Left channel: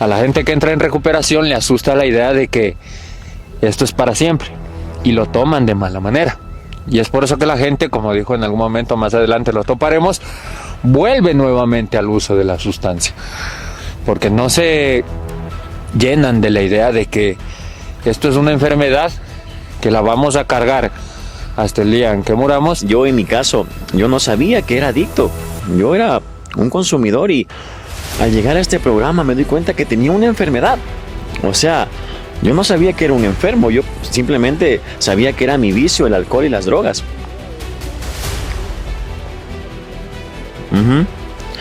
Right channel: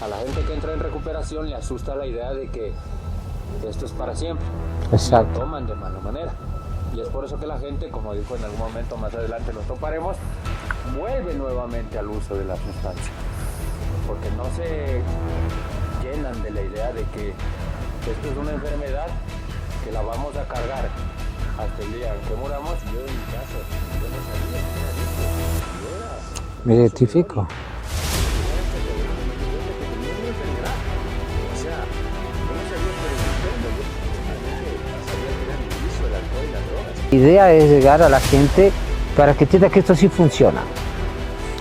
A la gente que entra en recuperación le asusta la idea de que esto es para siempre. Exacto. Y lo toman de mala manera. Y es por eso que la gente, como dijo en algún momento, más adelante lo toparemos, vuelve nuevamente al uso de la sustancia. Porque no se llenan de la idea de que esto es una enfermedad que la vamos a cargar hasta el día en que muramos. Yo en mi caso, yo no sabía que era adicto. Yo era un consumidor y al llegar a este programa me doy cuenta que tenía una enfermedad. O sea, yo no sabía que era un enfermo, yo simplemente sabía que era mi vicio, el alcohol y las drogas. La idea es llegar a la gente para que entienda que esto sí funciona.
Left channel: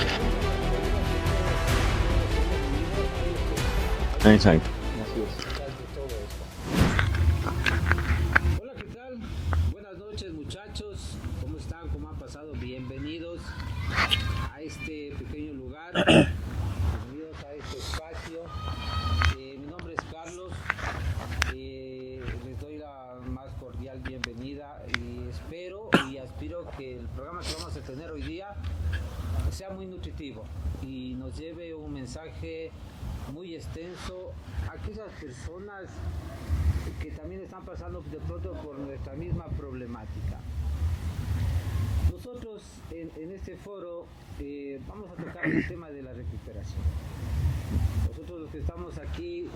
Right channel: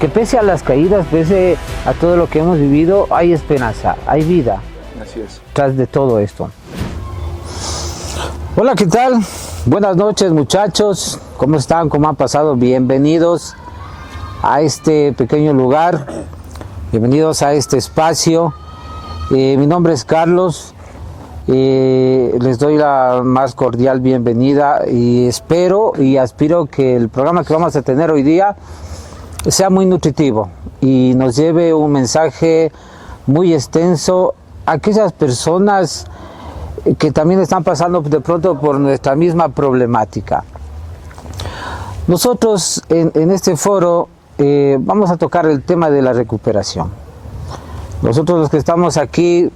Que pese a las caídas, pese a todo lo que hemos vivido, hay esperanza, hay vida tras de todo esto. Hola, ¿qué tal? Buenas noches, muchachos. ¿Cómo están? ¿Cómo han pasado? Bienvenidos a este pequeño lugar. Bienvenidos a este espacio. Mi nombre es Carlos. Les doy la más cordial bienvenida y espero y aspiro que el programa que vamos a tener hoy día sea muy nutritivo y nos lleve un mensaje muy extenso a aquellas personas que también están pasando de pronto por nuestra misma problemática. Nosotros en este foro vamos a tocar el tema de la recuperación. Nosotros los que estamos aquí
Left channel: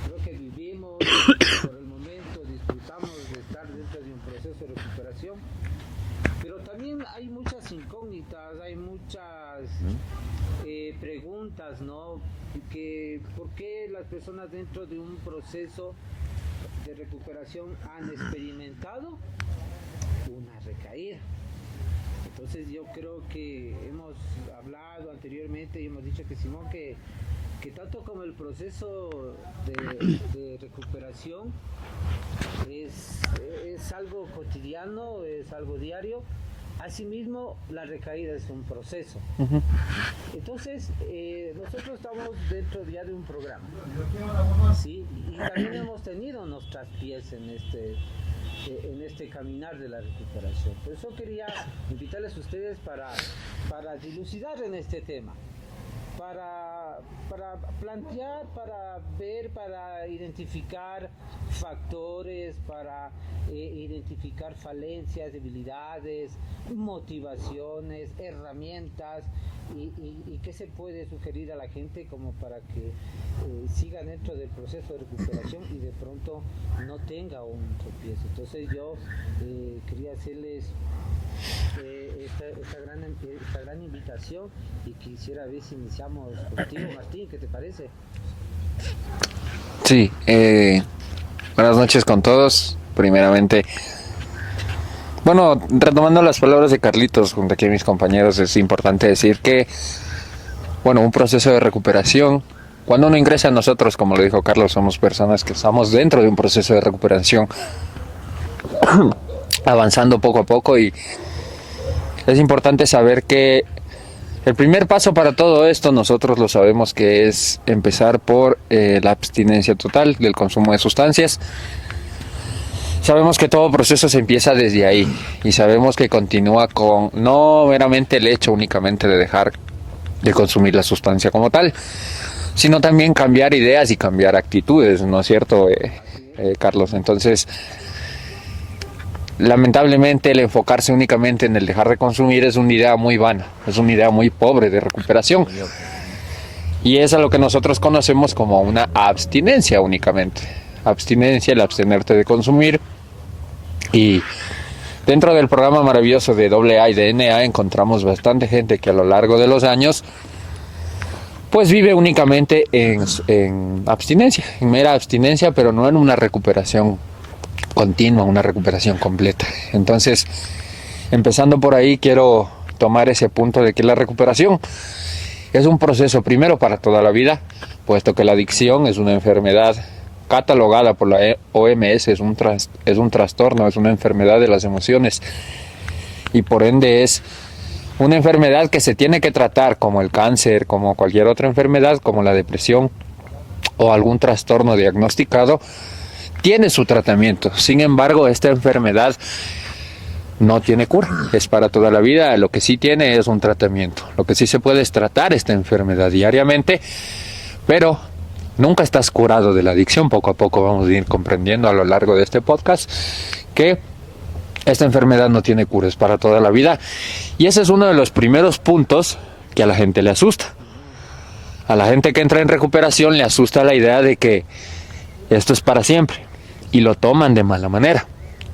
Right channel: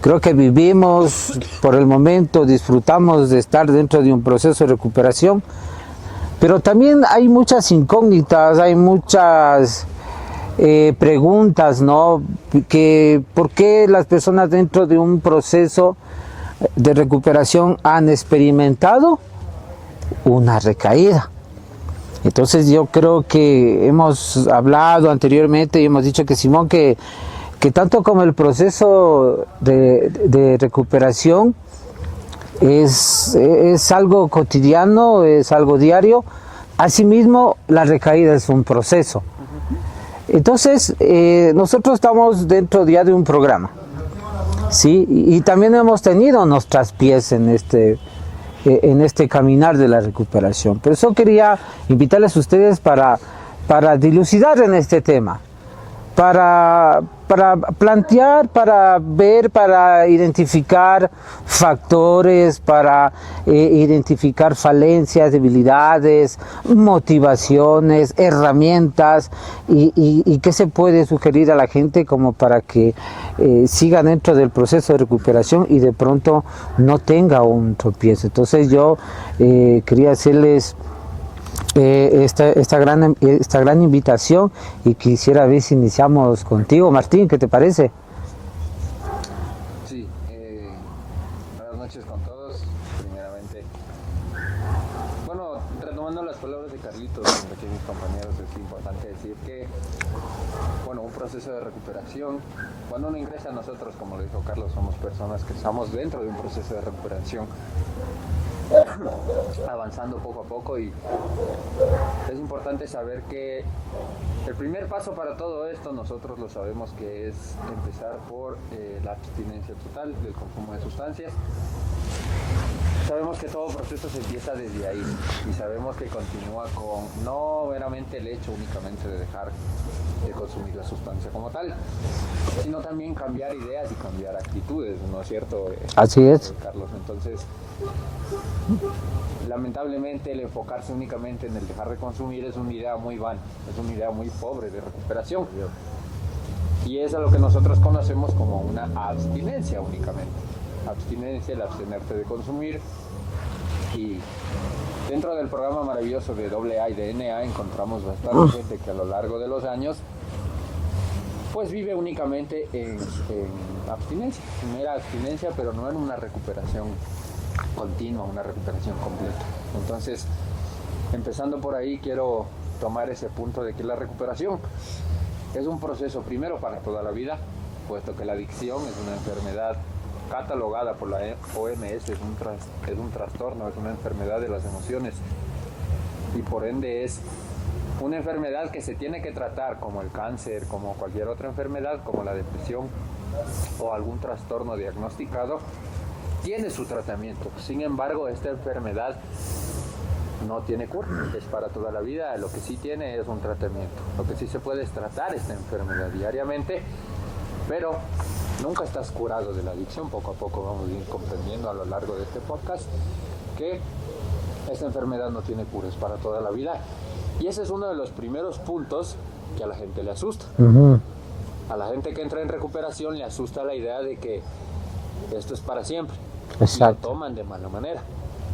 creo que vivimos por el momento, disfrutamos de estar dentro de un proceso de recuperación, pero también hay muchas incógnitas, hay muchas preguntas, ¿no? ¿Por qué las personas dentro de un proceso de recuperación han experimentado una recaída? Entonces yo creo que hemos hablado anteriormente y hemos dicho que Simón, que tanto como el proceso de recuperación es algo cotidiano, es algo diario, asimismo la recaída es un proceso. Entonces nosotros estamos dentro ya de un programa, ¿sí? Y también hemos tenido nuestras pies en este caminar de la recuperación. Por eso quería invitarles a ustedes para dilucidar en este tema, para plantear, para ver, para identificar factores, para identificar falencias, debilidades, motivaciones, herramientas y qué se puede sugerir a la gente como para que siga dentro del proceso de recuperación y de pronto no tenga un tropiezo. Entonces yo quería hacerles esta gran invitación y quisiera ver si iniciamos contigo, Martín, ¿qué te parece? Sí, buenas noches con todos. Primeramente, bueno, retomando las palabras de Carlitos junto aquí a mis compañeros, es importante decir que, bueno, un proceso de recuperación, cuando uno ingresa a nosotros, como lo dijo Carlos, somos personas que estamos dentro de un proceso de recuperación, avanzando poco a poco, y es importante saber que el primer paso para todo esto, nosotros lo sabemos, que es empezar por la abstinencia total del consumo de sustancias. Sabemos que todo proceso se empieza desde ahí y sabemos que continúa con no meramente el hecho únicamente de dejar de consumir la sustancia como tal, sino también cambiar ideas y cambiar actitudes, ¿no es cierto? Así es. Carlos, entonces lamentablemente el enfocarse únicamente en el dejar de consumir es una idea muy vana, es una idea muy pobre de recuperación. Y es a lo que nosotros conocemos como una abstinencia únicamente. Abstinencia, el abstenerte de consumir. Y dentro del programa maravilloso de AA y de NA encontramos bastante gente que a lo largo de los años pues vive únicamente en abstinencia, en mera abstinencia, pero no en una recuperación continua, una recuperación completa. Entonces, empezando por ahí, quiero tomar ese punto de que la recuperación es un proceso primero para toda la vida, puesto que la adicción es una enfermedad catalogada por la OMS, es un trastorno, es una enfermedad de las emociones y por ende es una enfermedad que se tiene que tratar como el cáncer, como cualquier otra enfermedad, como la depresión o algún trastorno diagnosticado. Tiene su tratamiento, sin embargo esta enfermedad no tiene cura, es para toda la vida. Lo que sí tiene es un tratamiento, lo que sí se puede es tratar esta enfermedad diariamente, pero nunca estás curado de la adicción. Poco a poco vamos a ir comprendiendo a lo largo de este podcast que esta enfermedad no tiene cura, es para toda la vida. Y ese es uno de los primeros puntos que a la gente le asusta. A la gente que entra en recuperación le asusta la idea de que esto es para siempre. Exacto. Y lo toman de mala manera.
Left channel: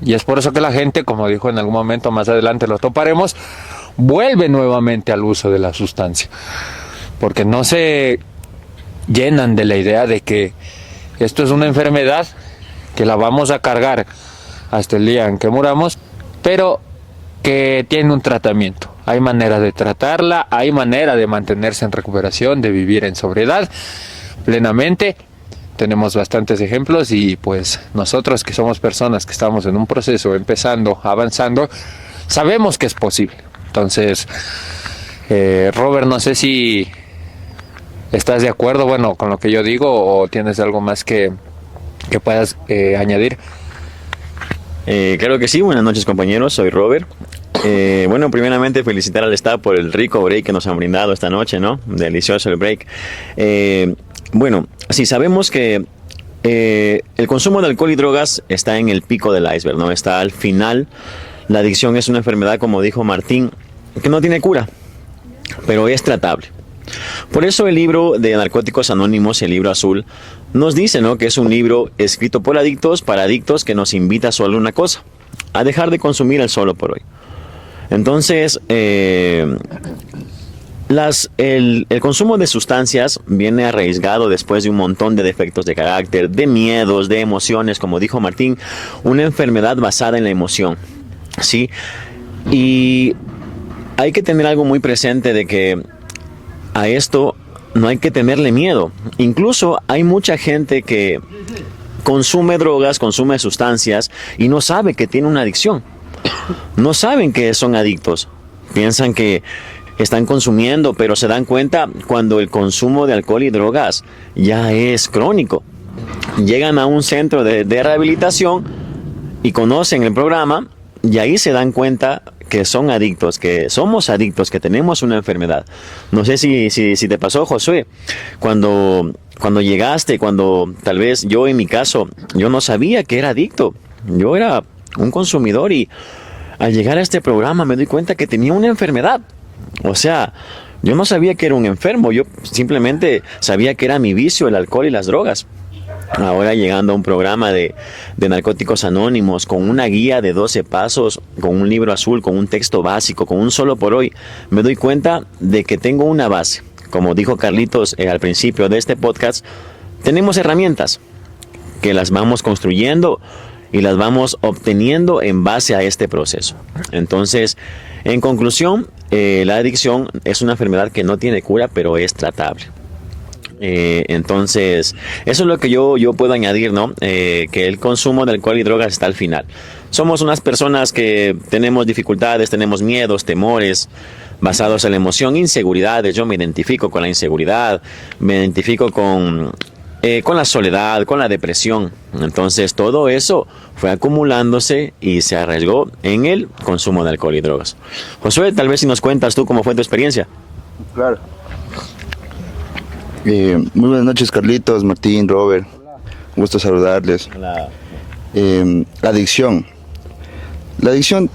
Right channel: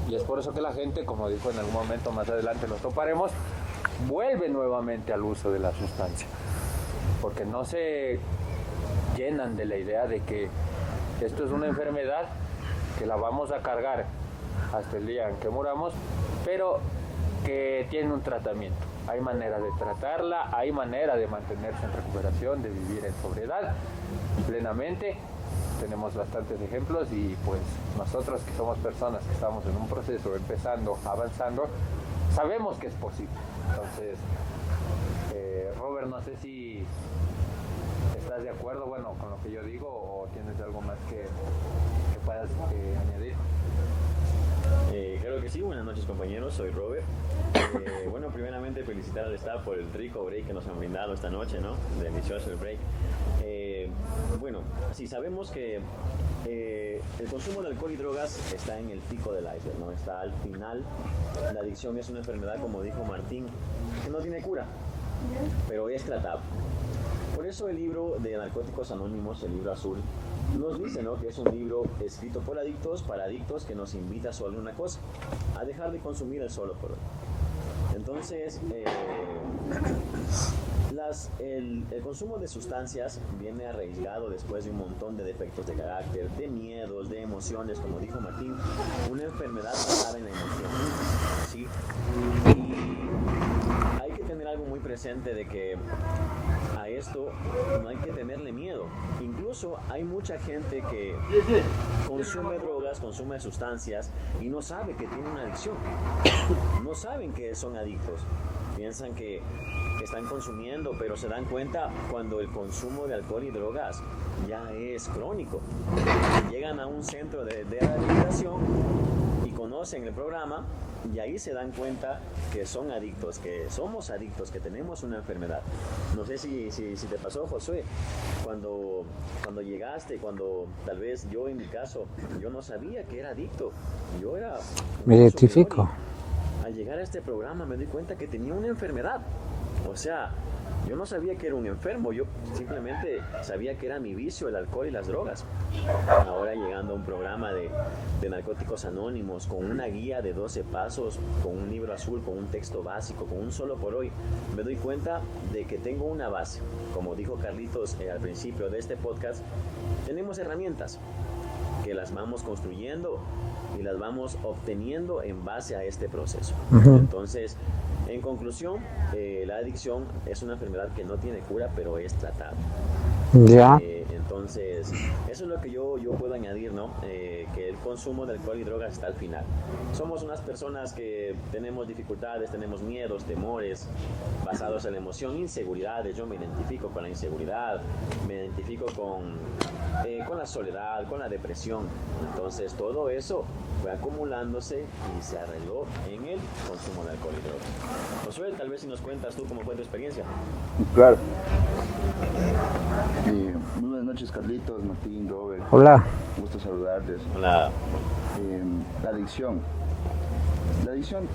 Y es por eso que la gente, como dijo en algún momento, más adelante lo toparemos, vuelve nuevamente al uso de la sustancia. Porque no se llenan de la idea de que esto es una enfermedad que la vamos a cargar hasta el día en que muramos, pero que tiene un tratamiento. Hay manera de tratarla, hay manera de mantenerse en recuperación, de vivir en sobriedad plenamente. Tenemos bastantes ejemplos y pues nosotros que somos personas que estamos en un proceso empezando, avanzando, sabemos que es posible. Entonces, Robert, no sé si estás de acuerdo, bueno, con lo que yo digo o tienes algo más que puedas añadir. Claro que sí, buenas noches compañeros, soy Robert. Bueno, primeramente felicitar al staff por el rico break que nos han brindado esta noche, ¿no? Delicioso el break. Bueno, sí, sabemos que el consumo de alcohol y drogas está en el pico del iceberg, ¿no? Está al final. La adicción es una enfermedad, como dijo Martín, que no tiene cura, pero es tratable. Por eso el libro de Narcóticos Anónimos, el libro azul, nos dice, ¿no?, que es un libro escrito por adictos para adictos que nos invita solo a una cosa, a dejar de consumir el solo por hoy. Entonces, el consumo de sustancias viene arriesgado después de un montón de defectos de carácter, de miedos, de emociones, como dijo Martín, una enfermedad basada en la emoción, ¿sí? Y hay que tener algo muy presente de que a esto no hay que tenerle miedo. Incluso hay mucha gente que consume drogas, consume sustancias y no sabe que tiene una adicción. No saben que son adictos. Piensan que están consumiendo, pero se dan cuenta cuando el consumo de alcohol y drogas ya es crónico. Llegan a un centro de rehabilitación y conocen el programa y ahí se dan cuenta que son adictos, que somos adictos, que tenemos una enfermedad. No sé si te pasó, Josué, cuando llegaste, cuando tal vez yo en mi caso, yo no sabía que era adicto. Yo era un consumidor y al llegar a este programa me doy cuenta que tenía una enfermedad. O sea, yo no sabía que era un enfermo, yo simplemente sabía que era mi vicio, el alcohol y las drogas. Ahora llegando a un programa de Narcóticos Anónimos, con una guía de 12 pasos, con un libro azul, con un texto básico, con un solo por hoy, me doy cuenta de que tengo una base. Como dijo Carlitos al principio de este podcast, tenemos herramientas que las vamos construyendo y las vamos obteniendo en base a este proceso. Entonces, en conclusión, la adicción es una enfermedad que no tiene cura, pero es tratable. Entonces, eso es lo que yo puedo añadir, ¿no? Que el consumo de alcohol y drogas está al final. Somos unas personas que tenemos dificultades, tenemos miedos, temores basados en la emoción, inseguridades. Yo me identifico con la inseguridad, me identifico con la soledad, con la depresión. Entonces todo eso fue acumulándose y se arriesgó en el consumo de alcohol y drogas. Josué, tal vez si nos cuentas tú cómo fue tu experiencia. Claro. Muy buenas noches, Carlitos, Martín, Robert. Hola. Gusto saludarles. Hola. La adicción. La adicción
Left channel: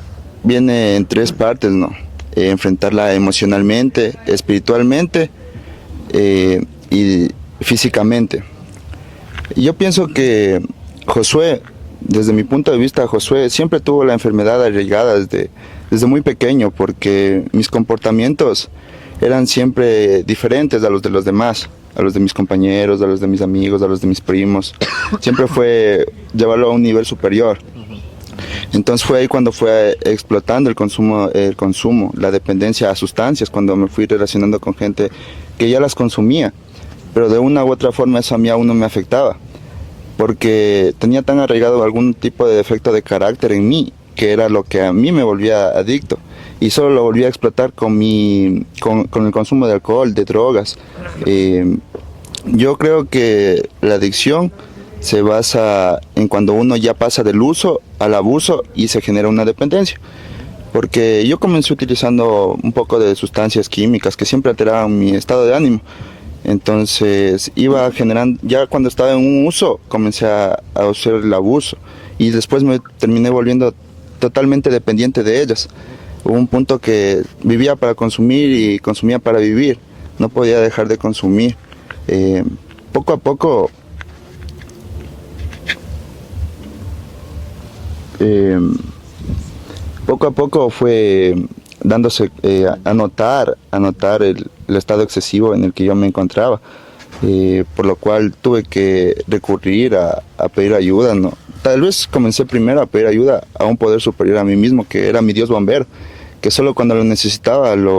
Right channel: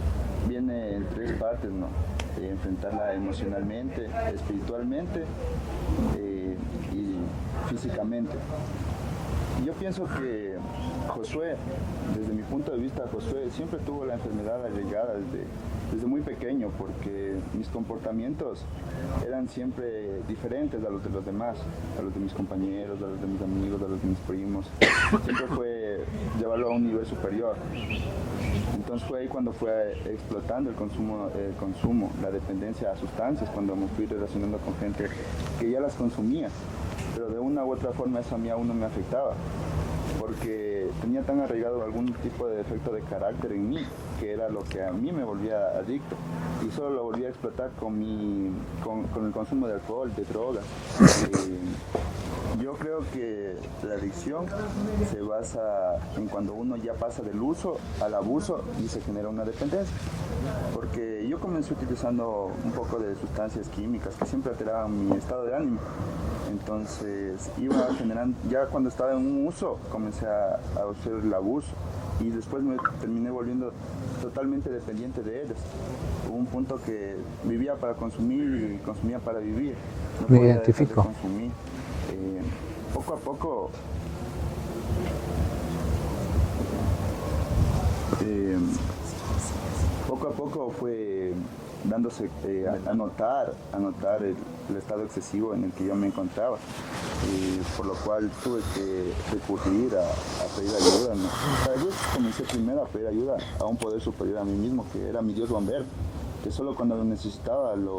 viene en tres partes, ¿no? Enfrentarla emocionalmente, espiritualmente y físicamente. Yo pienso que Josué, desde mi punto de vista, Josué siempre tuvo la enfermedad arraigada desde muy pequeño, porque mis comportamientos eran siempre diferentes a los de los demás, a los de mis compañeros, a los de mis amigos, a los de mis primos. Siempre fue llevarlo a un nivel superior. Entonces fue ahí cuando fue explotando el consumo, la dependencia a sustancias, cuando me fui relacionando con gente que ya las consumía, pero de una u otra forma eso a mí aún no me afectaba, porque tenía tan arraigado algún tipo de defecto de carácter en mí, que era lo que a mí me volvía adicto, y solo lo volvía a explotar con el consumo de alcohol, de drogas. Yo creo que la adicción se basa en cuando uno ya pasa del uso al abuso y se genera una dependencia. Porque yo comencé utilizando un poco de sustancias químicas que siempre alteraban mi estado de ánimo. Entonces iba generando, ya cuando estaba en un uso, comencé a usar el abuso y después me terminé volviendo totalmente dependiente de ellas. Hubo un punto que vivía para consumir y consumía para vivir, no podía dejar de consumir. Poco a poco fue dándose a notar el estado excesivo en el que yo me encontraba, por lo cual tuve que recurrir a pedir ayuda, ¿no? Tal vez comencé primero a pedir ayuda a un poder superior a mí mismo, que era mi Dios bombero, que solo cuando lo necesitaba le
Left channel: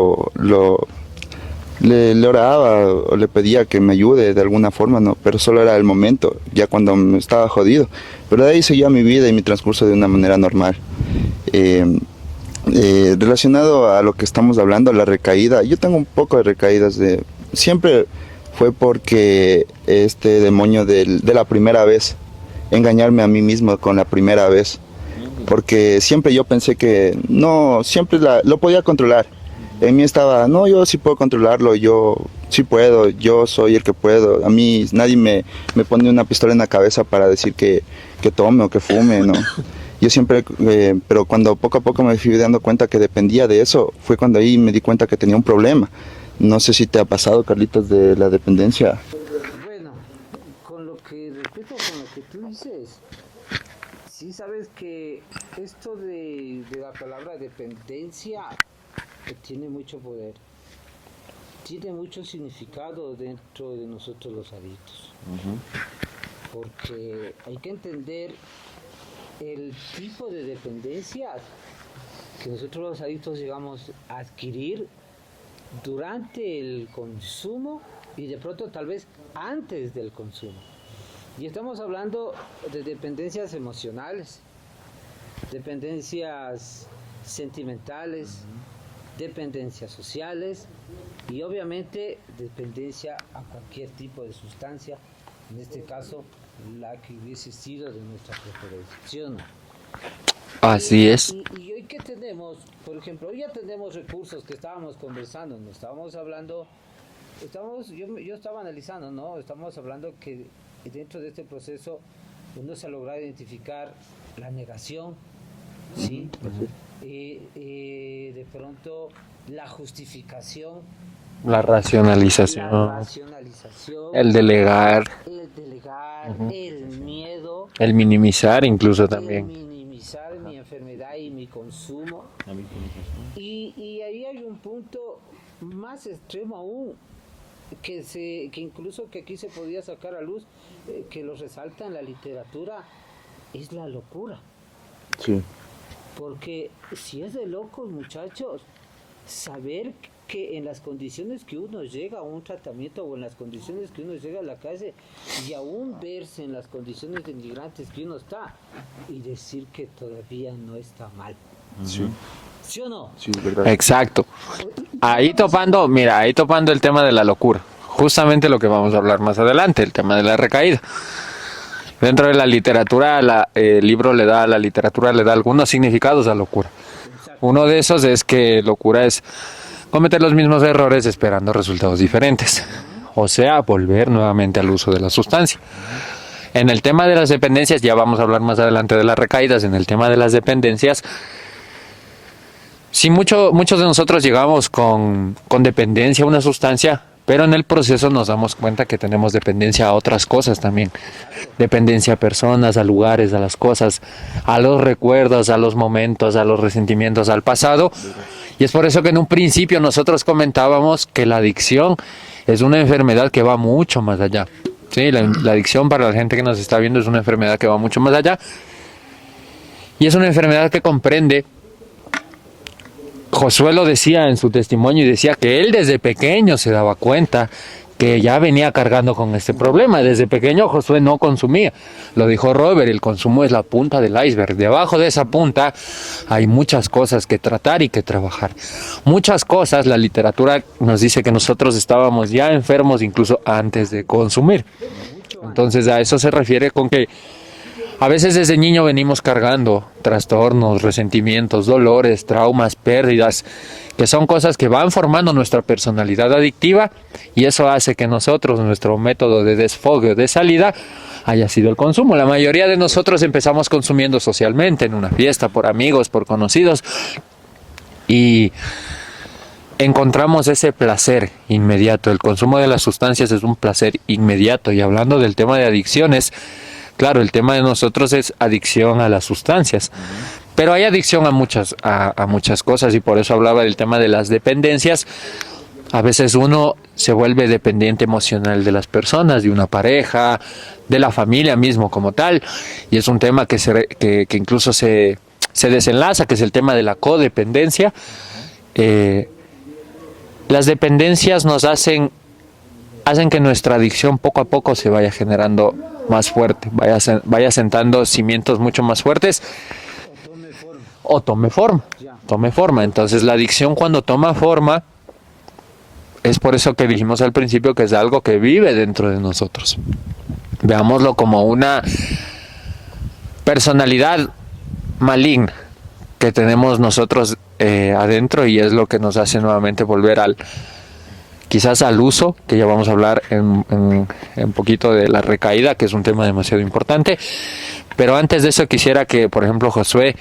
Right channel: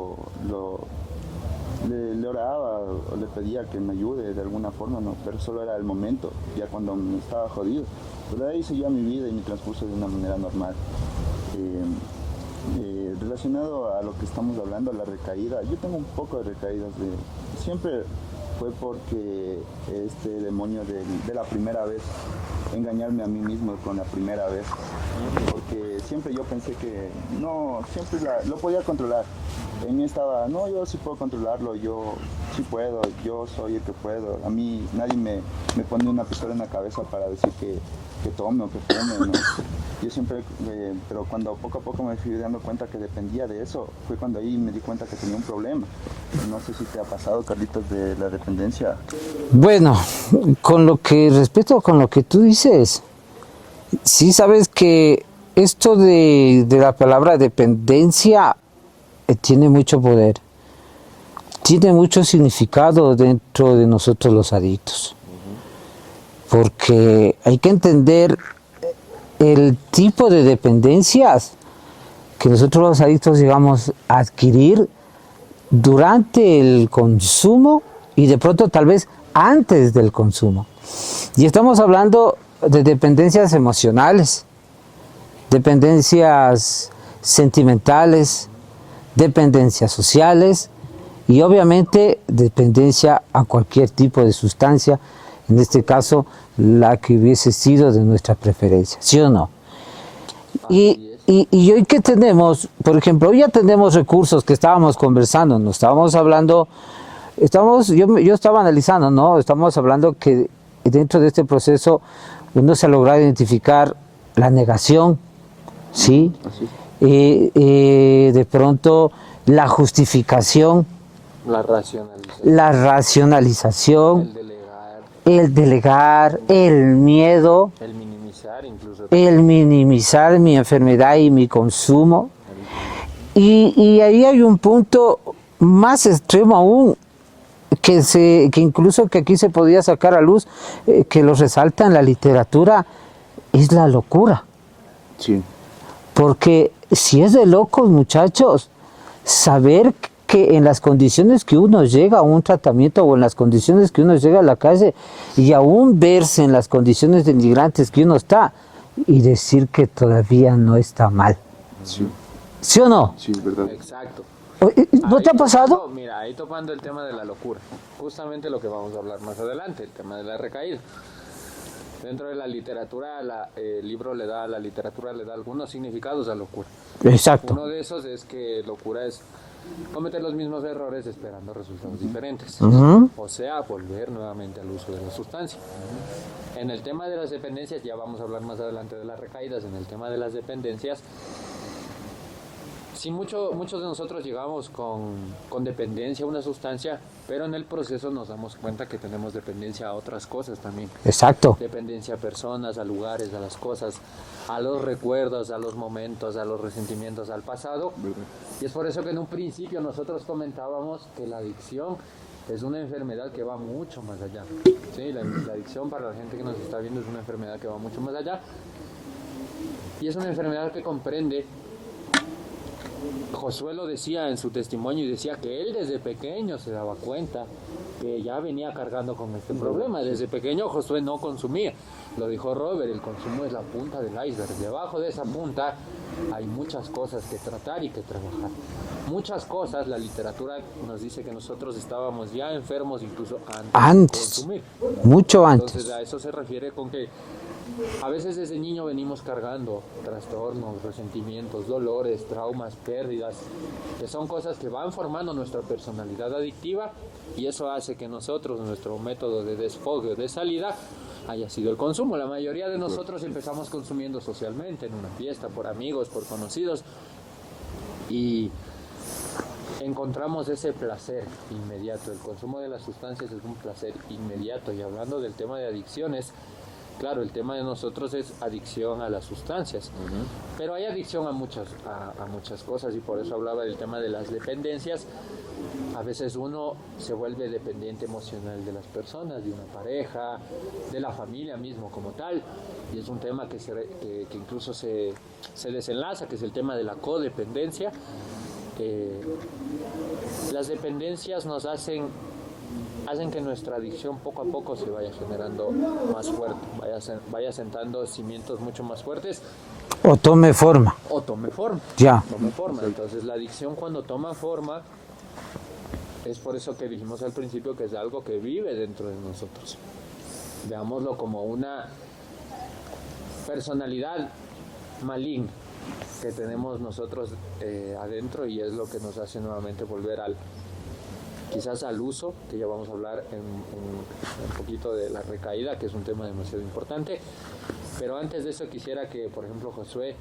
oraba o le pedía que me ayude de alguna forma, ¿no? Pero solo era el momento, ya cuando me estaba jodido. Pero de ahí seguía mi vida y mi transcurso de una manera normal. Relacionado a lo que estamos hablando, la recaída, yo tengo un poco de recaídas. Siempre fue porque este demonio de la primera vez, engañarme a mí mismo con la primera vez, porque siempre yo pensé que no, siempre lo podía controlar. En mí estaba, no, yo sí puedo controlarlo, yo sí puedo, yo soy el que puedo. A mí nadie me pone una pistola en la cabeza para decir que tome o que fume, ¿no? Yo siempre, pero cuando poco a poco me fui dando cuenta que dependía de eso, fue cuando ahí me di cuenta que tenía un problema. No sé si te ha pasado, Carlitos, de la dependencia. Bueno, respecto con lo que tú dices, sí sabes que esto de la palabra dependencia tiene mucho poder, tiene mucho significado dentro de nosotros los adictos, porque hay que entender el tipo de dependencias que nosotros los adictos llegamos a adquirir durante el consumo y de pronto tal vez antes del consumo. Y estamos hablando de dependencias emocionales, dependencias sentimentales, dependencias sociales y obviamente dependencia a cualquier tipo de sustancia, en este caso la que hubiese sido de nuestra preferencia, ¿sí o no? Así es. Y hoy que tenemos, por ejemplo, hoy ya tenemos recursos que estábamos conversando, nos estábamos hablando, yo estaba analizando, ¿no? Estamos hablando que dentro de este proceso uno se ha logrado identificar la negación, ¿sí? De pronto la justificación, La racionalización. El delegar. El miedo. El minimizar incluso también. El minimizar mi enfermedad y mi consumo. Y ahí hay un punto más extremo aún, que incluso que aquí se podía sacar a luz, que lo resalta en la literatura, es la locura. Sí. Porque si es de locos, muchachos, saber que en las condiciones que uno llega a un tratamiento o en las condiciones que uno llega a la calle y aún verse en las condiciones de migrantes que uno está y decir que todavía no está mal. Sí. ¿Sí o no? Sí, es verdad. Exacto. ¿No te Ahí ha pasado? topando el tema de la locura. Justamente lo que vamos a hablar más adelante, el tema de la recaída. Dentro de la literatura, el libro a la literatura le da algunos significados a locura. Exacto. Uno de esos es que locura es cometer los mismos errores esperando resultados diferentes. O sea, volver nuevamente al uso de la sustancia. En el tema de las dependencias, ya vamos a hablar más adelante de las recaídas, en el tema de las dependencias, sí, muchos de nosotros llegamos con dependencia a una sustancia, pero en el proceso nos damos cuenta que tenemos dependencia a otras cosas también. Exacto. Dependencia a personas, a lugares, a las cosas, a los recuerdos, a los momentos, a los resentimientos, al pasado. Y es por eso que en un principio nosotros comentábamos que la adicción es una enfermedad que va mucho más allá. Sí, la adicción para la gente que nos está viendo es una enfermedad que va mucho más allá. Y es una enfermedad que comprende. Josué lo decía en su testimonio y decía que él desde pequeño se daba cuenta que ya venía cargando con este problema. Desde pequeño Josué no consumía. Lo dijo Robert, el consumo es la punta del iceberg. Debajo de esa punta hay muchas cosas que tratar y que trabajar. Muchas cosas, la literatura nos dice que nosotros estábamos ya enfermos incluso antes de consumir. Mucho antes. Entonces a eso se refiere con que a veces desde niño venimos cargando trastornos, resentimientos, dolores, traumas, pérdidas que son cosas que van formando nuestra personalidad adictiva, y eso hace que nosotros, nuestro método de desfogue, de salida, haya sido el consumo. La mayoría de nosotros empezamos consumiendo socialmente, en una fiesta, por amigos, por conocidos, y encontramos ese placer inmediato. El consumo de las sustancias es un placer inmediato. Y hablando del tema de adicciones, claro, el tema de nosotros es adicción a las sustancias, pero hay adicción a muchas cosas, y por eso hablaba del tema de las dependencias. A veces uno se vuelve dependiente emocional de las personas, de una pareja, de la familia mismo como tal, y es un tema que incluso se desenlaza, que es el tema de la codependencia. Las dependencias nos hacen que nuestra adicción poco a poco se vaya generando más fuerte, vaya sentando cimientos mucho más fuertes. O tome forma. Ya. Tome forma. Entonces la adicción, cuando toma forma, es por eso que dijimos al principio que es algo que vive dentro de nosotros. Veámoslo como una personalidad maligna que tenemos nosotros adentro, y es lo que nos hace nuevamente volver quizás al uso, que ya vamos a hablar en un poquito de la recaída, que es un tema demasiado importante. Pero antes de eso quisiera que, por ejemplo, Josué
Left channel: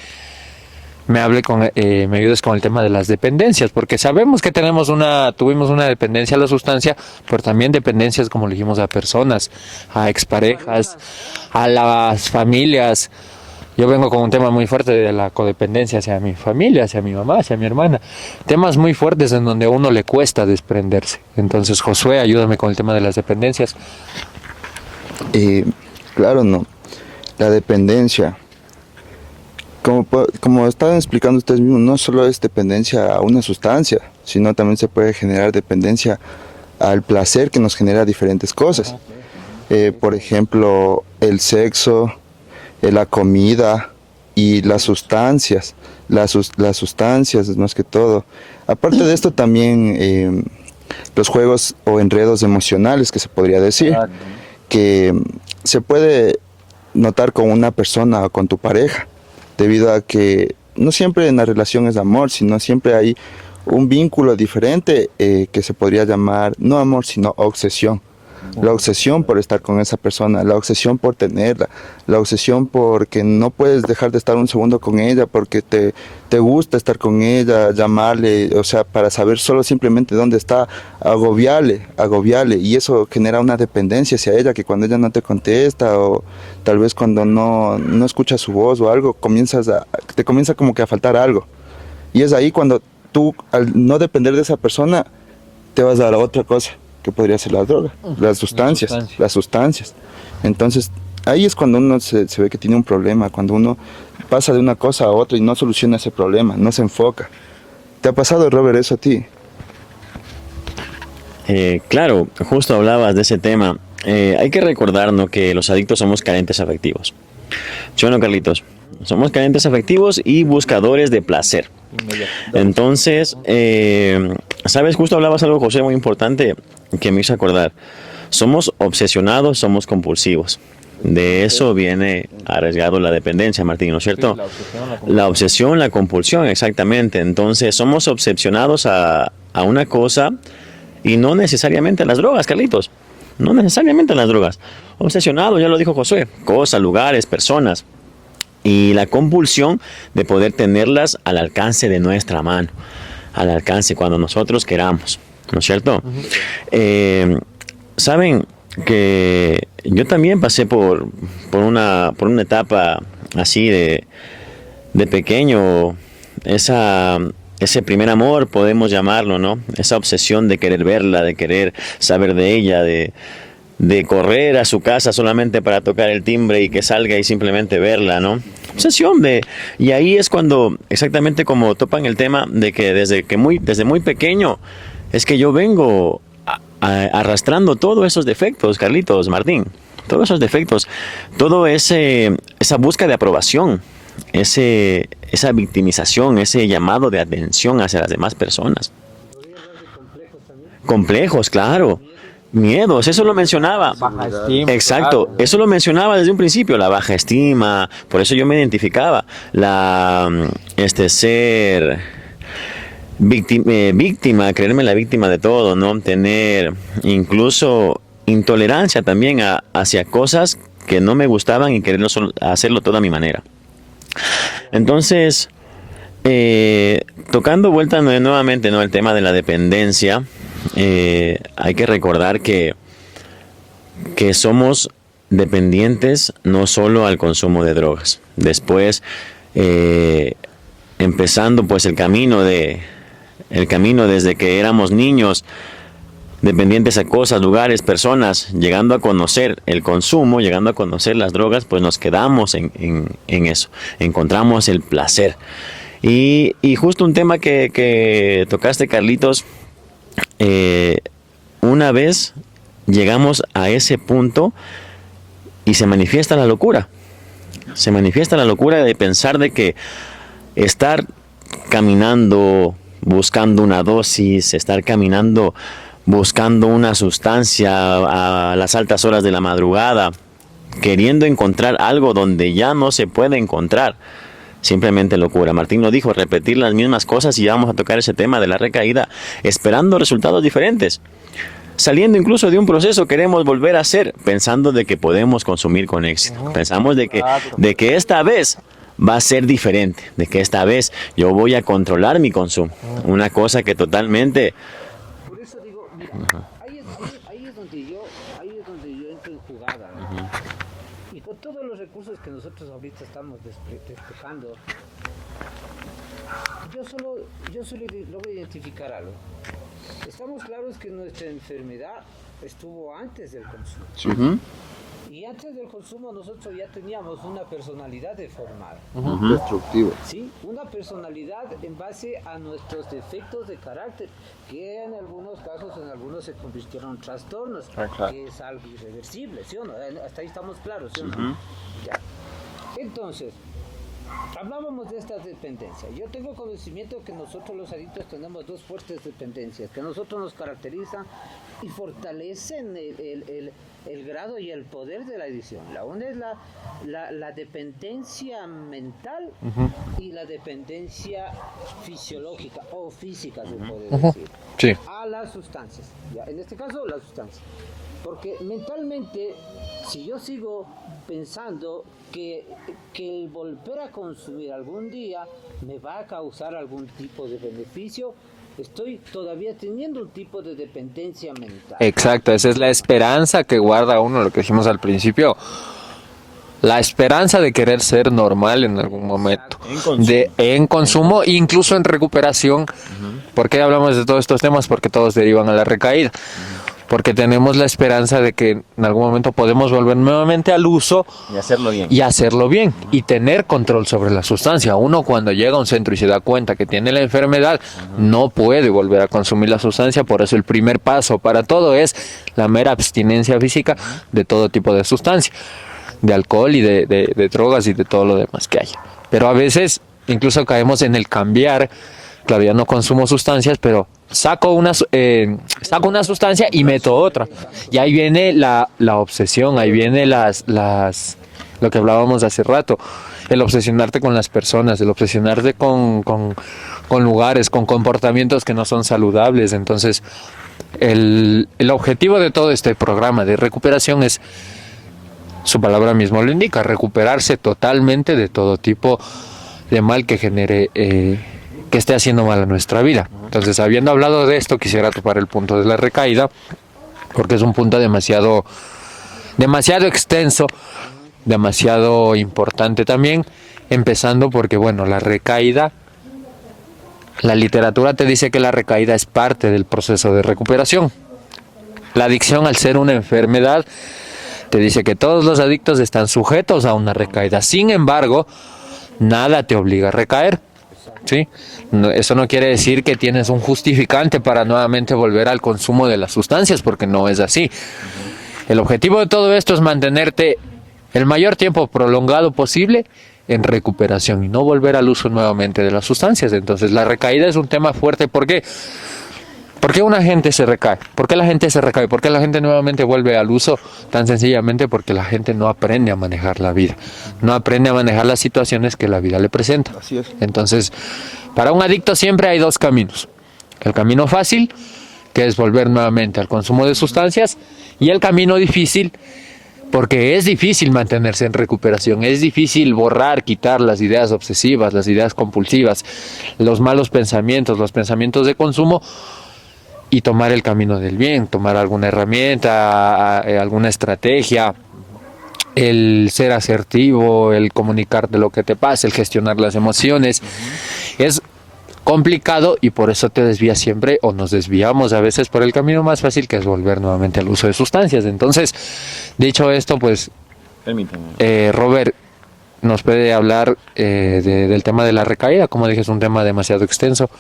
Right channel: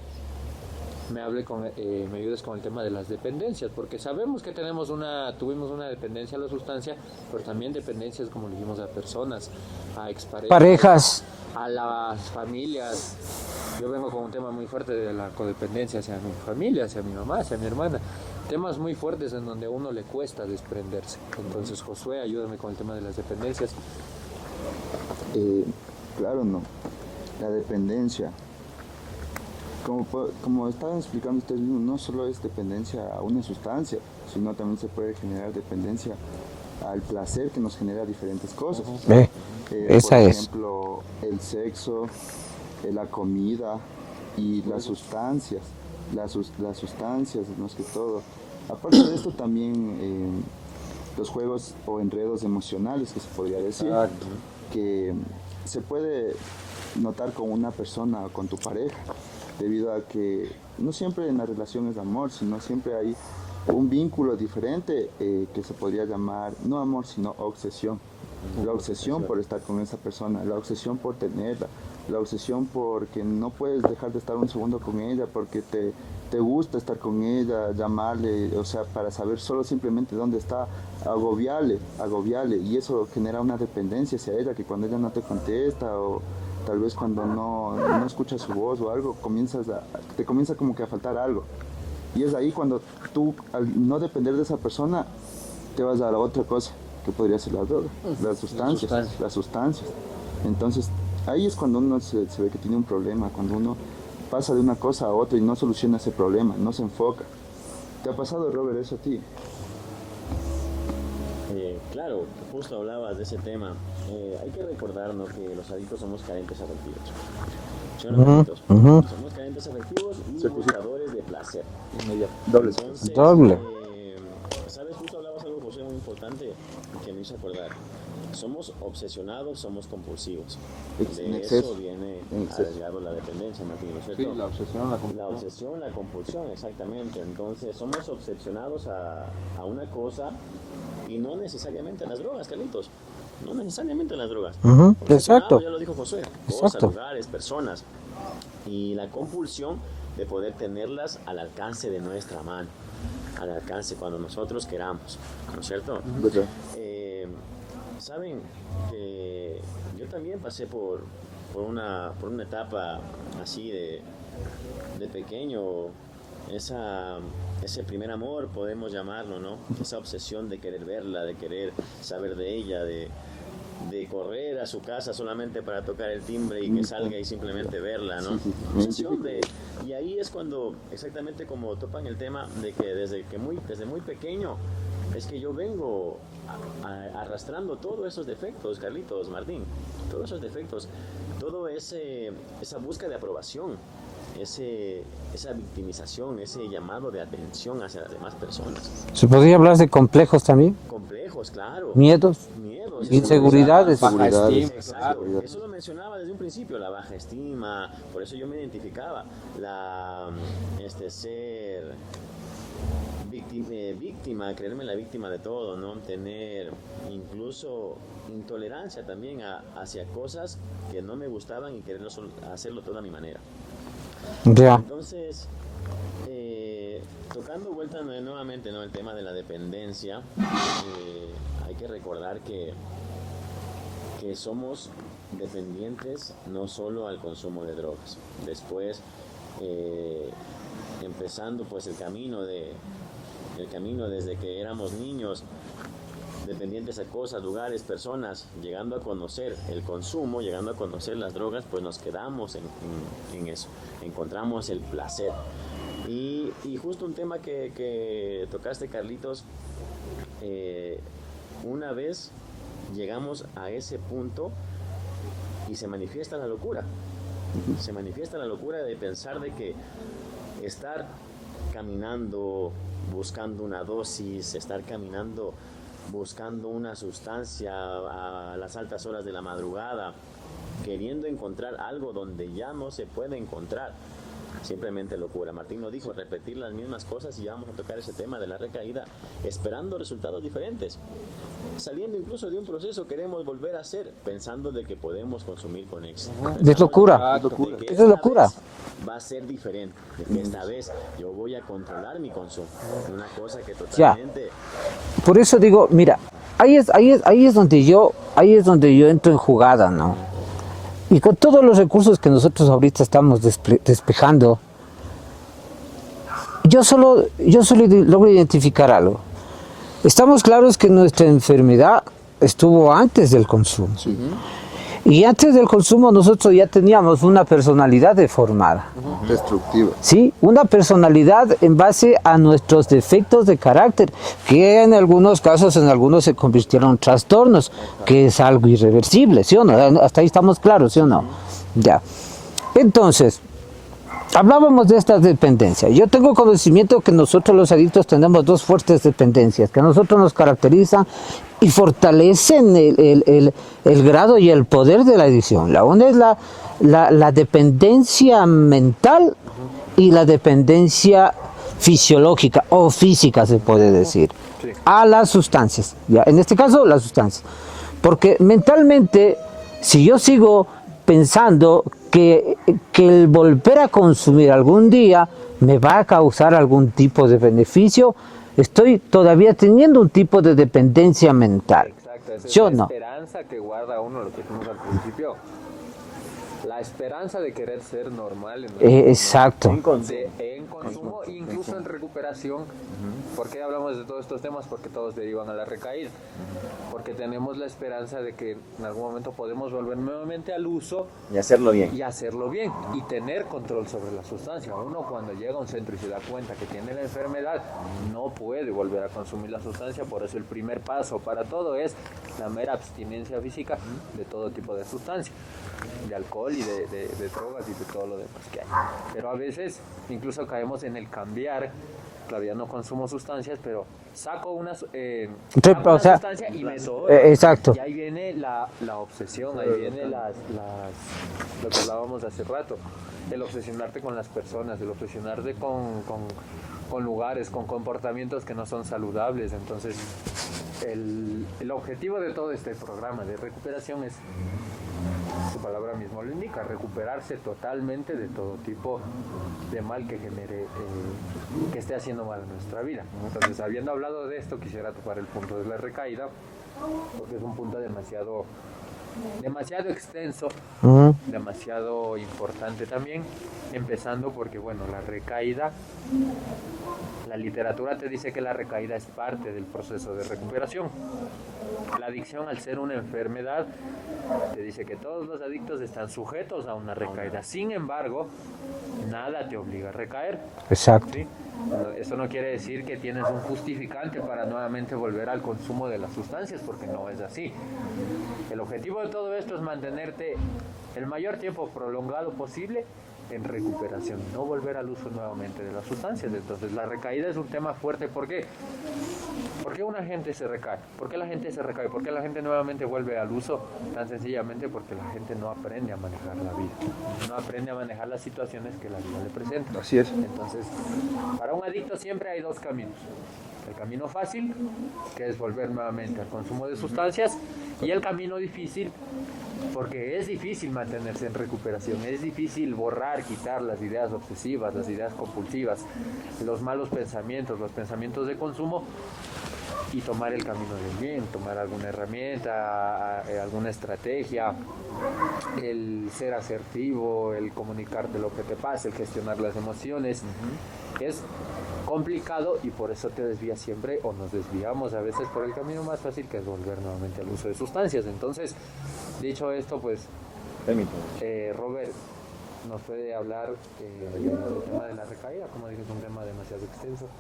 me ayudes con el tema de las dependencias, porque sabemos que tuvimos una dependencia a la sustancia, pero también dependencias, como le dijimos, a personas, a exparejas, a las familias. Yo vengo con un tema muy fuerte de la codependencia hacia mi familia, hacia mi mamá, hacia mi hermana. Temas muy fuertes en donde a uno le cuesta desprenderse. Entonces, Josué, ayúdame con el tema de las dependencias. Claro, no. La dependencia. Como estaban explicando ustedes mismos, no solo es dependencia a una sustancia, sino también se puede generar dependencia al placer que nos genera diferentes cosas. Por ejemplo, el sexo, la comida y las sustancias. Las sustancias es más que todo. Aparte de esto también los juegos o enredos emocionales, que se podría decir, que se puede notar con una persona o con tu pareja, debido a que no siempre en la relación es amor, sino siempre hay un vínculo diferente que se podría llamar no amor, sino obsesión. La obsesión por estar con esa persona, la obsesión por tenerla, la obsesión porque no puedes dejar de estar un segundo con ella, porque te gusta estar con ella, llamarle, o sea, para saber solo simplemente dónde está, agobiarle, y eso genera una dependencia hacia ella, que cuando ella no te contesta, o tal vez cuando no escuchas su voz o algo, te comienza como que a faltar algo. Y es ahí cuando tú, al no depender de esa persona, te vas a la otra cosa, que podría ser la droga, las sustancias. Entonces, ahí es cuando uno se ve que tiene un problema, cuando uno pasa de una cosa a otra y no soluciona ese problema, no se enfoca. ¿Te ha pasado, Robert, eso a ti? Claro, justo hablabas de ese tema. Hay que recordar, ¿no?, que los adictos somos carentes afectivos. ¿Sí o no, Carlitos? Somos carentes afectivos y buscadores de placer. Entonces, ¿sabes? Justo hablabas algo, José, muy importante que me hizo acordar. Somos obsesionados, somos compulsivos. De eso viene arriesgado la dependencia, Martín, ¿no es cierto? La obsesión, la compulsión, exactamente. Entonces, somos obsesionados a una cosa, y no necesariamente a las drogas, Carlitos. No necesariamente a las drogas. Obsesionados, ya lo dijo Josué. Cosas, lugares, personas. Y la compulsión de poder tenerlas al alcance de nuestra mano. Al alcance cuando nosotros queramos. ¿No es cierto? Saben que yo también pasé por una etapa así de pequeño. Ese primer amor, podemos llamarlo, ¿no? Esa obsesión de querer verla, de querer saber de ella, de correr a su casa solamente para tocar el timbre y que salga y simplemente verla, ¿no? Obsesión y ahí es cuando, exactamente como topan el tema de que desde muy pequeño, es que yo vengo arrastrando todos esos defectos, Carlitos, Martín, todos esos defectos, todo esa búsqueda de aprobación, esa victimización, ese llamado de atención hacia las demás personas. ¿Se podría hablar de complejos también? Complejos, claro. Miedos, eso lo mencionaba. Exacto, eso lo mencionaba desde un principio, la baja estima, por eso yo me identificaba, víctima, creerme la víctima de todo, ¿no? Tener incluso intolerancia también hacia cosas que no me gustaban y querer hacerlo todo a mi manera. Ya. Entonces, tocando vuelta nuevamente, ¿no? El tema de la dependencia, hay que recordar que somos dependientes no solo al consumo de drogas. Después, empezando pues el camino desde que éramos niños, dependientes a cosas, lugares, personas, llegando a conocer el consumo, llegando a conocer las drogas, pues nos quedamos en eso, encontramos el placer. Y justo un tema que tocaste, Carlitos, una vez llegamos a ese punto y se manifiesta la locura. Se manifiesta la locura de pensar de que estar caminando buscando una dosis, estar caminando buscando una sustancia a las altas horas de la madrugada, queriendo encontrar algo donde ya no se puede encontrar. Simplemente locura. Martín lo dijo, repetir las mismas cosas, y ya vamos a tocar ese tema de la recaída, esperando resultados diferentes. Saliendo incluso de un proceso, queremos volver a hacer, pensando de que podemos consumir con éxito. Pensamos de que esta vez va a ser diferente, de que esta vez yo voy a controlar mi consumo. Una cosa que totalmente... Por eso digo, mira, ahí es donde yo entro en jugada, ¿no? Y con todos los recursos que nosotros ahorita estamos despejando, yo solo logro identificar algo. Estamos claros que nuestra enfermedad estuvo antes del consumo. Sí. Y antes del consumo nosotros ya teníamos una personalidad deformada. Destructiva. Sí, una personalidad en base a nuestros defectos de carácter, que en algunos casos, en algunos se convirtieron en trastornos, que es algo irreversible, ¿sí o no? Hasta ahí estamos claros, ¿sí o no? Ya. Entonces, hablábamos de esta dependencia. Yo tengo conocimiento que nosotros los adictos tenemos dos fuertes dependencias, que a nosotros nos caracterizan y fortalecen el grado y el poder de la adicción. La una es la dependencia mental y la dependencia fisiológica o física, se puede decir, sí, a las sustancias. ¿Ya? En este caso, las sustancias. Porque mentalmente, si yo sigo pensando que el volver a consumir algún día me va a causar algún tipo de beneficio, estoy todavía teniendo un tipo de dependencia mental. Exacto, esa es la esperanza que guarda uno, lo que dijimos al principio, la esperanza de querer ser normal en algún exacto. momento, en consumo, incluso en recuperación. ¿Por qué hablamos de todos estos temas? Porque todos derivan a la recaída. Porque tenemos la esperanza de que en algún momento podemos volver nuevamente al uso y hacerlo bien. Y tener control sobre la sustancia. Uno, cuando llega a un centro y se da cuenta que tiene la enfermedad, no puede volver a consumir la sustancia. Por eso el primer paso para todo es la mera abstinencia física de todo tipo de sustancia, de alcohol y de drogas y de todo lo demás que hay. Pero a veces incluso caemos en el cambiar. Claro, ya no consumo sustancias, pero saco una sustancia y meto otra. Exacto. Y ahí viene la obsesión, ahí viene lo que hablábamos hace rato, el obsesionarte con las personas, el obsesionarte con lugares, con comportamientos que no son saludables. Entonces, el objetivo de todo este programa de recuperación es, su palabra mismo lo indica, recuperarse totalmente de todo tipo de mal que genere... que esté haciendo mal a nuestra vida. Entonces, habiendo hablado de esto, quisiera topar el punto de la recaída, porque es un punto demasiado extenso, demasiado importante también, empezando porque, bueno, la recaída, la literatura te dice que la recaída es parte del proceso de recuperación. La adicción, al ser una enfermedad, te dice que todos los adictos están sujetos a una recaída. Sin embargo, nada te obliga a recaer. Exacto. ¿Sí? No, eso no quiere decir que tienes un justificante para nuevamente volver al consumo de las sustancias, porque no es así. El objetivo de todo esto es mantenerte el mayor tiempo prolongado posible en recuperación y no volver al uso nuevamente de las sustancias. Entonces, la recaída es un tema fuerte. ¿Por qué? ¿Por qué una gente se recae? ¿Por qué la gente se recae? ¿Por qué la gente nuevamente vuelve al uso? Tan sencillamente porque la gente no aprende a manejar la vida. No aprende a manejar las situaciones que la vida le presenta. Así es. Entonces, Para un adicto siempre hay dos caminos. El camino fácil, que es volver nuevamente al consumo de sustancias, y el camino difícil, porque es difícil mantenerse en recuperación, es difícil borrar, quitar las ideas obsesivas, las ideas compulsivas, los malos pensamientos, los pensamientos de consumo, y tomar el camino del bien, tomar alguna herramienta, alguna estrategia, el ser asertivo, el comunicarte lo que te pasa, el gestionar las emociones. Es complicado y por eso te desvías siempre, o nos desviamos a veces por el camino más fácil, que es volver nuevamente al uso de sustancias. Entonces, dicho esto, pues Robert nos puede hablar del tema de la recaída. Como dije, es un tema demasiado extenso.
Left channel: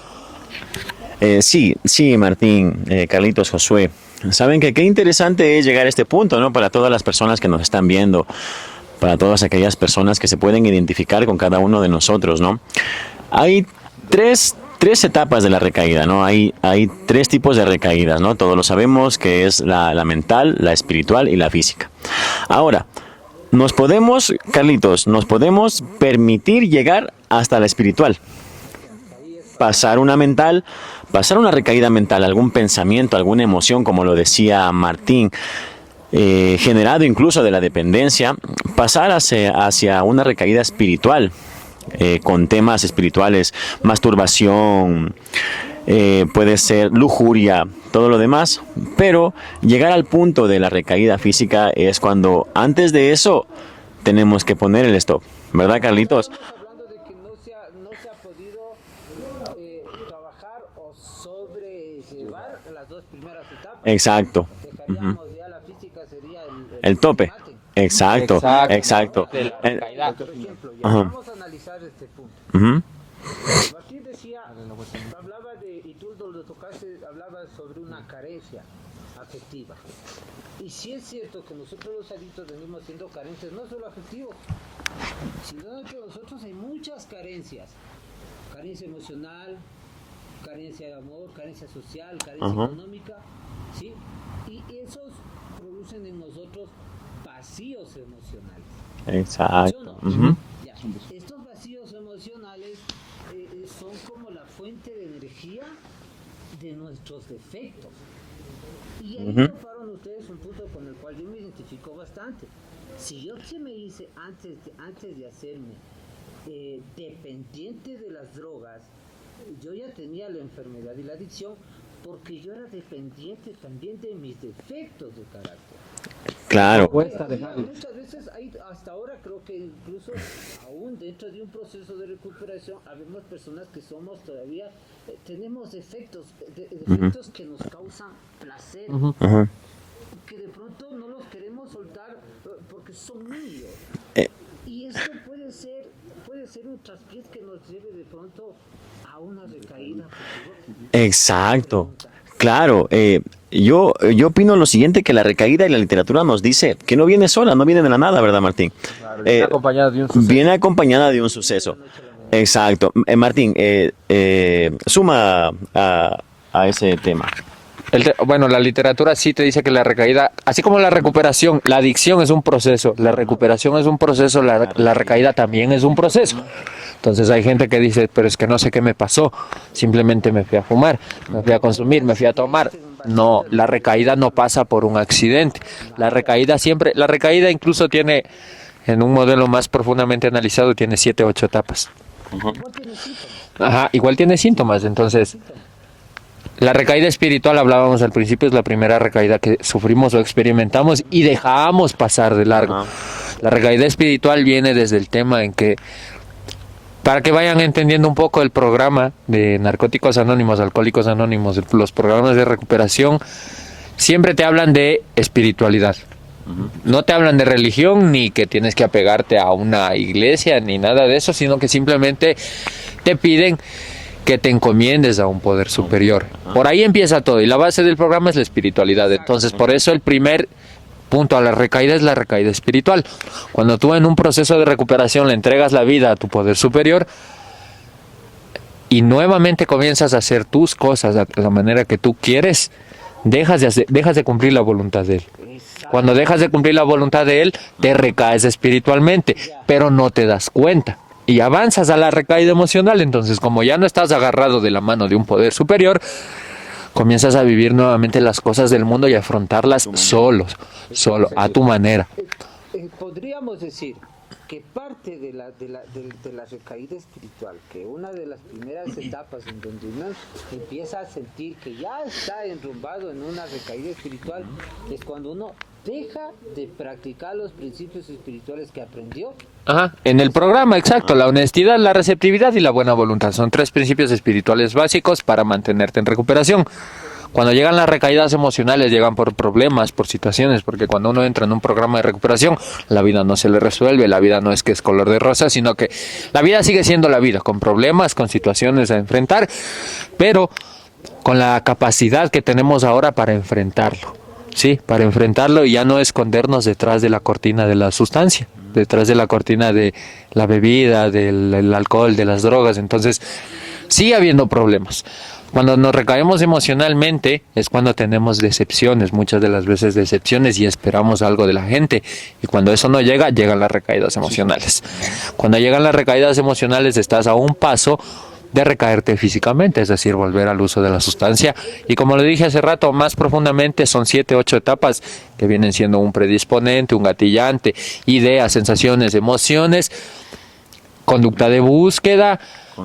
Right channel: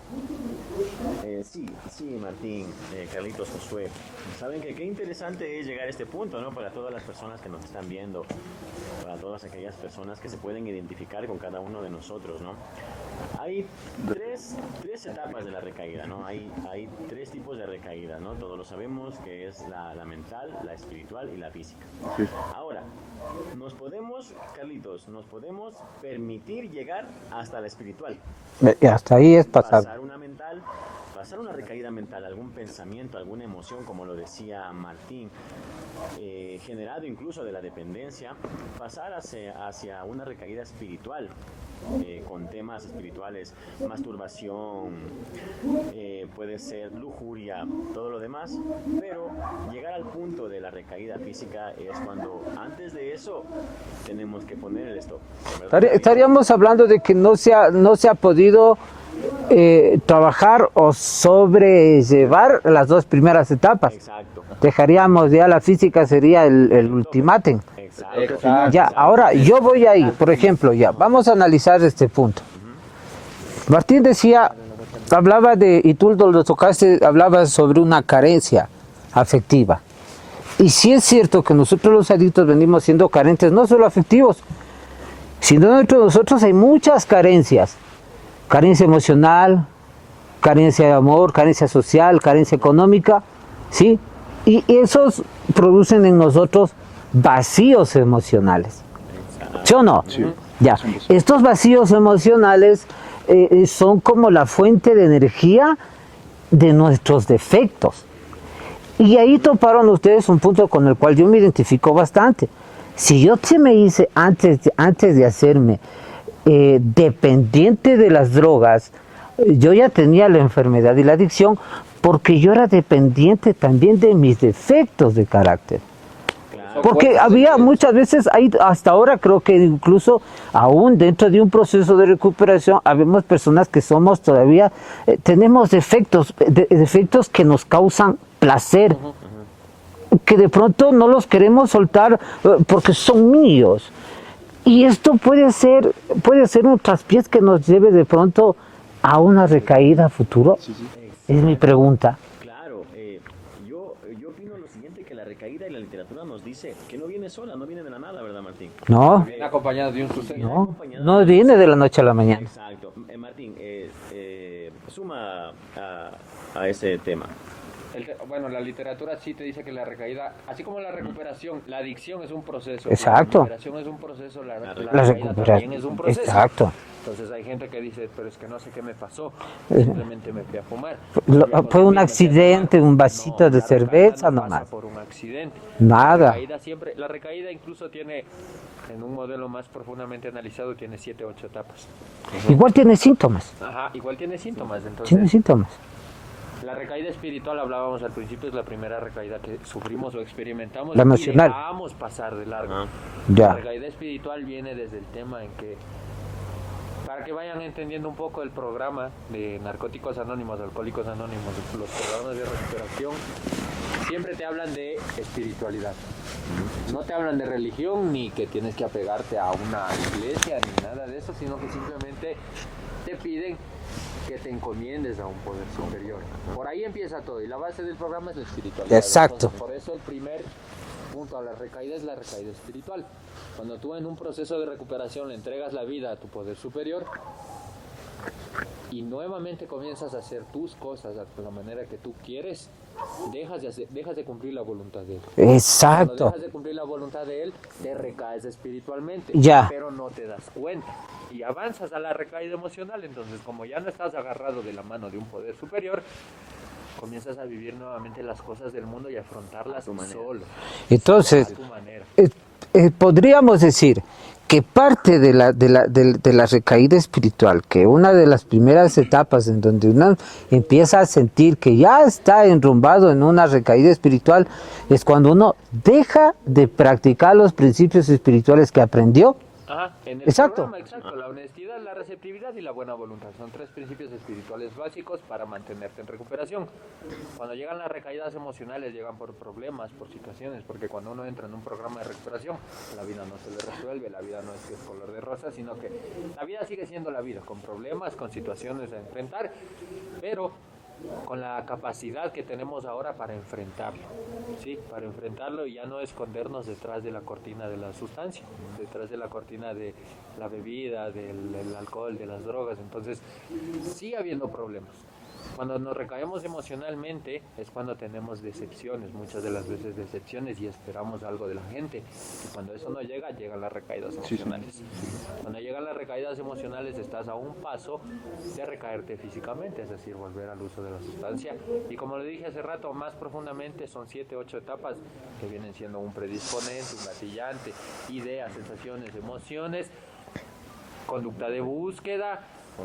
Sí, Martín, Carlitos, Josué. Saben que qué interesante es llegar a este punto, ¿no? Para todas las personas que nos están viendo, para todas aquellas personas que se pueden identificar con cada uno de nosotros, ¿no? Hay tres etapas de la recaída, ¿no? Hay tres tipos de recaídas, ¿no? Todos lo sabemos, que es la mental, la espiritual y la física. Ahora, Carlitos, nos podemos permitir llegar hasta la espiritual. Y hasta ahí es Pasar una recaída mental, algún pensamiento, alguna emoción, como lo decía Martín, generado incluso de la dependencia, pasar hacia una recaída espiritual, con temas espirituales, masturbación, puede ser lujuria, todo lo demás, pero llegar al punto de la recaída física es cuando antes de eso tenemos que poner el stop, ¿verdad, Carlitos? Estaríamos hablando de que no se ha podido trabajar o sobrellevar las dos primeras etapas. Exacto. Dejaríamos ya la física, sería el tope. ultimátum. Exacto. Ya, Exacto. ahora yo voy ahí, por ejemplo, ya vamos a analizar este punto. Martín decía, hablaba y tú lo tocaste, hablabas sobre una carencia afectiva. Y sí es cierto que nosotros los adictos venimos siendo carentes, no solo afectivos, sino dentro de nosotros hay muchas carencias. Carencia emocional, carencia de amor, carencia social, carencia económica, ¿sí? Y esos producen en nosotros vacíos emocionales. Exacto. ¿Sí o no? Ya. Estos vacíos emocionales son como la fuente de energía de nuestros defectos. Y ahí toparon ustedes un punto con el cual yo me identifico bastante. Si yo se me hice antes de hacerme dependiente de las drogas, yo ya tenía la enfermedad y la adicción porque yo era dependiente también de mis defectos de carácter. Claro. Porque había muchas veces, hasta ahora creo que incluso aún dentro de un proceso de recuperación, habemos personas que somos todavía, tenemos defectos que nos causan placer, que de pronto no los queremos soltar porque son míos. Y esto puede ser un traspiés que nos lleve de pronto a una recaída futuro. Exacto. Mi pregunta. Claro, yo opino lo siguiente, que la recaída y la literatura nos dice que no viene sola, no viene de la nada, ¿verdad, Martín? No. Viene acompañada de un suceso. Viene acompañada de un viene suceso. de la noche a la mañana. Exacto. Martín, suma a ese tema. Bueno, la literatura sí te dice que la recaída, así como la recuperación, la adicción es un proceso, la Exacto. recuperación es un proceso, la recaída también es un proceso. Exacto. Entonces hay gente que dice, pero es que no sé qué me pasó, simplemente me fui a fumar, me fui a Por un consumir, me fui a tomar. accidente, un vasito No, de la recaída cerveza no pasa nomás. por un accidente. Nada. La recaída incluso tiene, en un modelo más profundamente analizado, tiene 7 u 8 etapas. Igual tiene síntomas. Ajá, igual tiene síntomas, Tiene entonces... síntomas. La recaída espiritual, hablábamos al principio, es la primera recaída que sufrimos o experimentamos La y emocional. dejamos pasar de largo. Ya. La recaída espiritual viene desde el tema en que, para que vayan entendiendo un poco el programa de Narcóticos Anónimos, Alcohólicos Anónimos, los programas de recuperación, siempre te hablan de espiritualidad. No te hablan de religión, ni que tienes que apegarte a una iglesia, ni nada de eso, sino que simplemente te piden que te encomiendes a un poder superior. Por ahí empieza todo y la base del programa es la espiritualidad. Exacto. Entonces, por eso el primer punto a la recaída es la recaída espiritual. Cuando tú en un proceso de recuperación le entregas la vida a tu poder superior y nuevamente comienzas a hacer tus cosas de la manera que tú quieres, dejas de cumplir la voluntad de él. Exacto. Cuando dejas de cumplir la voluntad de él, te recaes espiritualmente, Ya. pero no te das cuenta. y avanzas a la recaída emocional. Entonces, como ya no estás agarrado de la mano de un poder superior, comienzas a vivir nuevamente las cosas del mundo y afrontarlas solos, Entonces, a tu manera. Podríamos decir que parte de la recaída espiritual, que una de las primeras etapas en donde uno empieza a sentir que ya está enrumbado en una recaída espiritual, es cuando uno deja de practicar los principios espirituales que aprendió. Ajá. En el Exacto. programa, exacto, la honestidad, la receptividad y la buena voluntad son 3 principios espirituales básicos para mantenerte en recuperación. Cuando llegan las recaídas emocionales, llegan por problemas, por situaciones, porque cuando uno entra en un programa de recuperación, la vida no se le resuelve, la vida no es que es color de rosa, sino que la vida sigue siendo la vida, con problemas, con situaciones a enfrentar, pero con la capacidad que tenemos ahora para enfrentarlo, ¿sí? Para enfrentarlo y ya no escondernos detrás de la cortina de la sustancia, detrás de la cortina de la bebida, del alcohol, de las drogas. Entonces, sigue habiendo problemas. Cuando nos recaemos emocionalmente es cuando tenemos decepciones, muchas de las veces decepciones, y esperamos algo de la gente. Y cuando eso no llega, llegan las recaídas emocionales. Cuando llegan las recaídas emocionales estás a un paso de recaerte físicamente, es decir, volver al uso de la sustancia. Y como lo dije hace rato, más profundamente son 7, 8 etapas que vienen siendo un predisponente, un gatillante, ideas, sensaciones, emociones, conducta de búsqueda,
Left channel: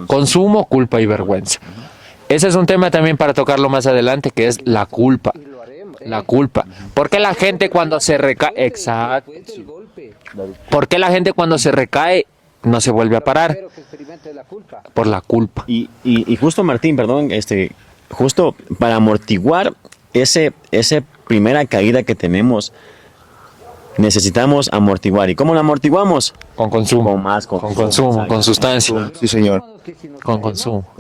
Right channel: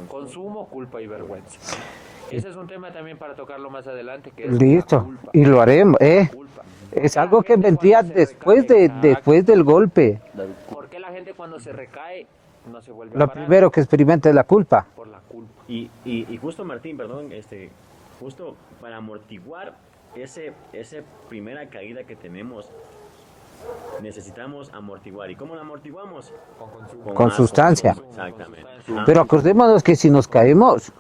consumo, culpa y vergüenza. Ese es un tema también para tocarlo más adelante, que es la Listo. culpa. Y lo haremos. La culpa. ¿Por Es qué la algo que gente cuando vendría se recae... Exacto. después del golpe, ¿Por qué la gente cuando se recae no se vuelve a lo parar? primero que experimenta es la culpa. Por la culpa. Y justo, Martín, perdón, justo para amortiguar ese primera caída que tenemos, necesitamos amortiguar. ¿Y cómo la amortiguamos? Con consumo. Con más, sustancia. Con consumo, Exacto. con sustancia. Pero Sí, señor. acordémonos que si nos Con caemos,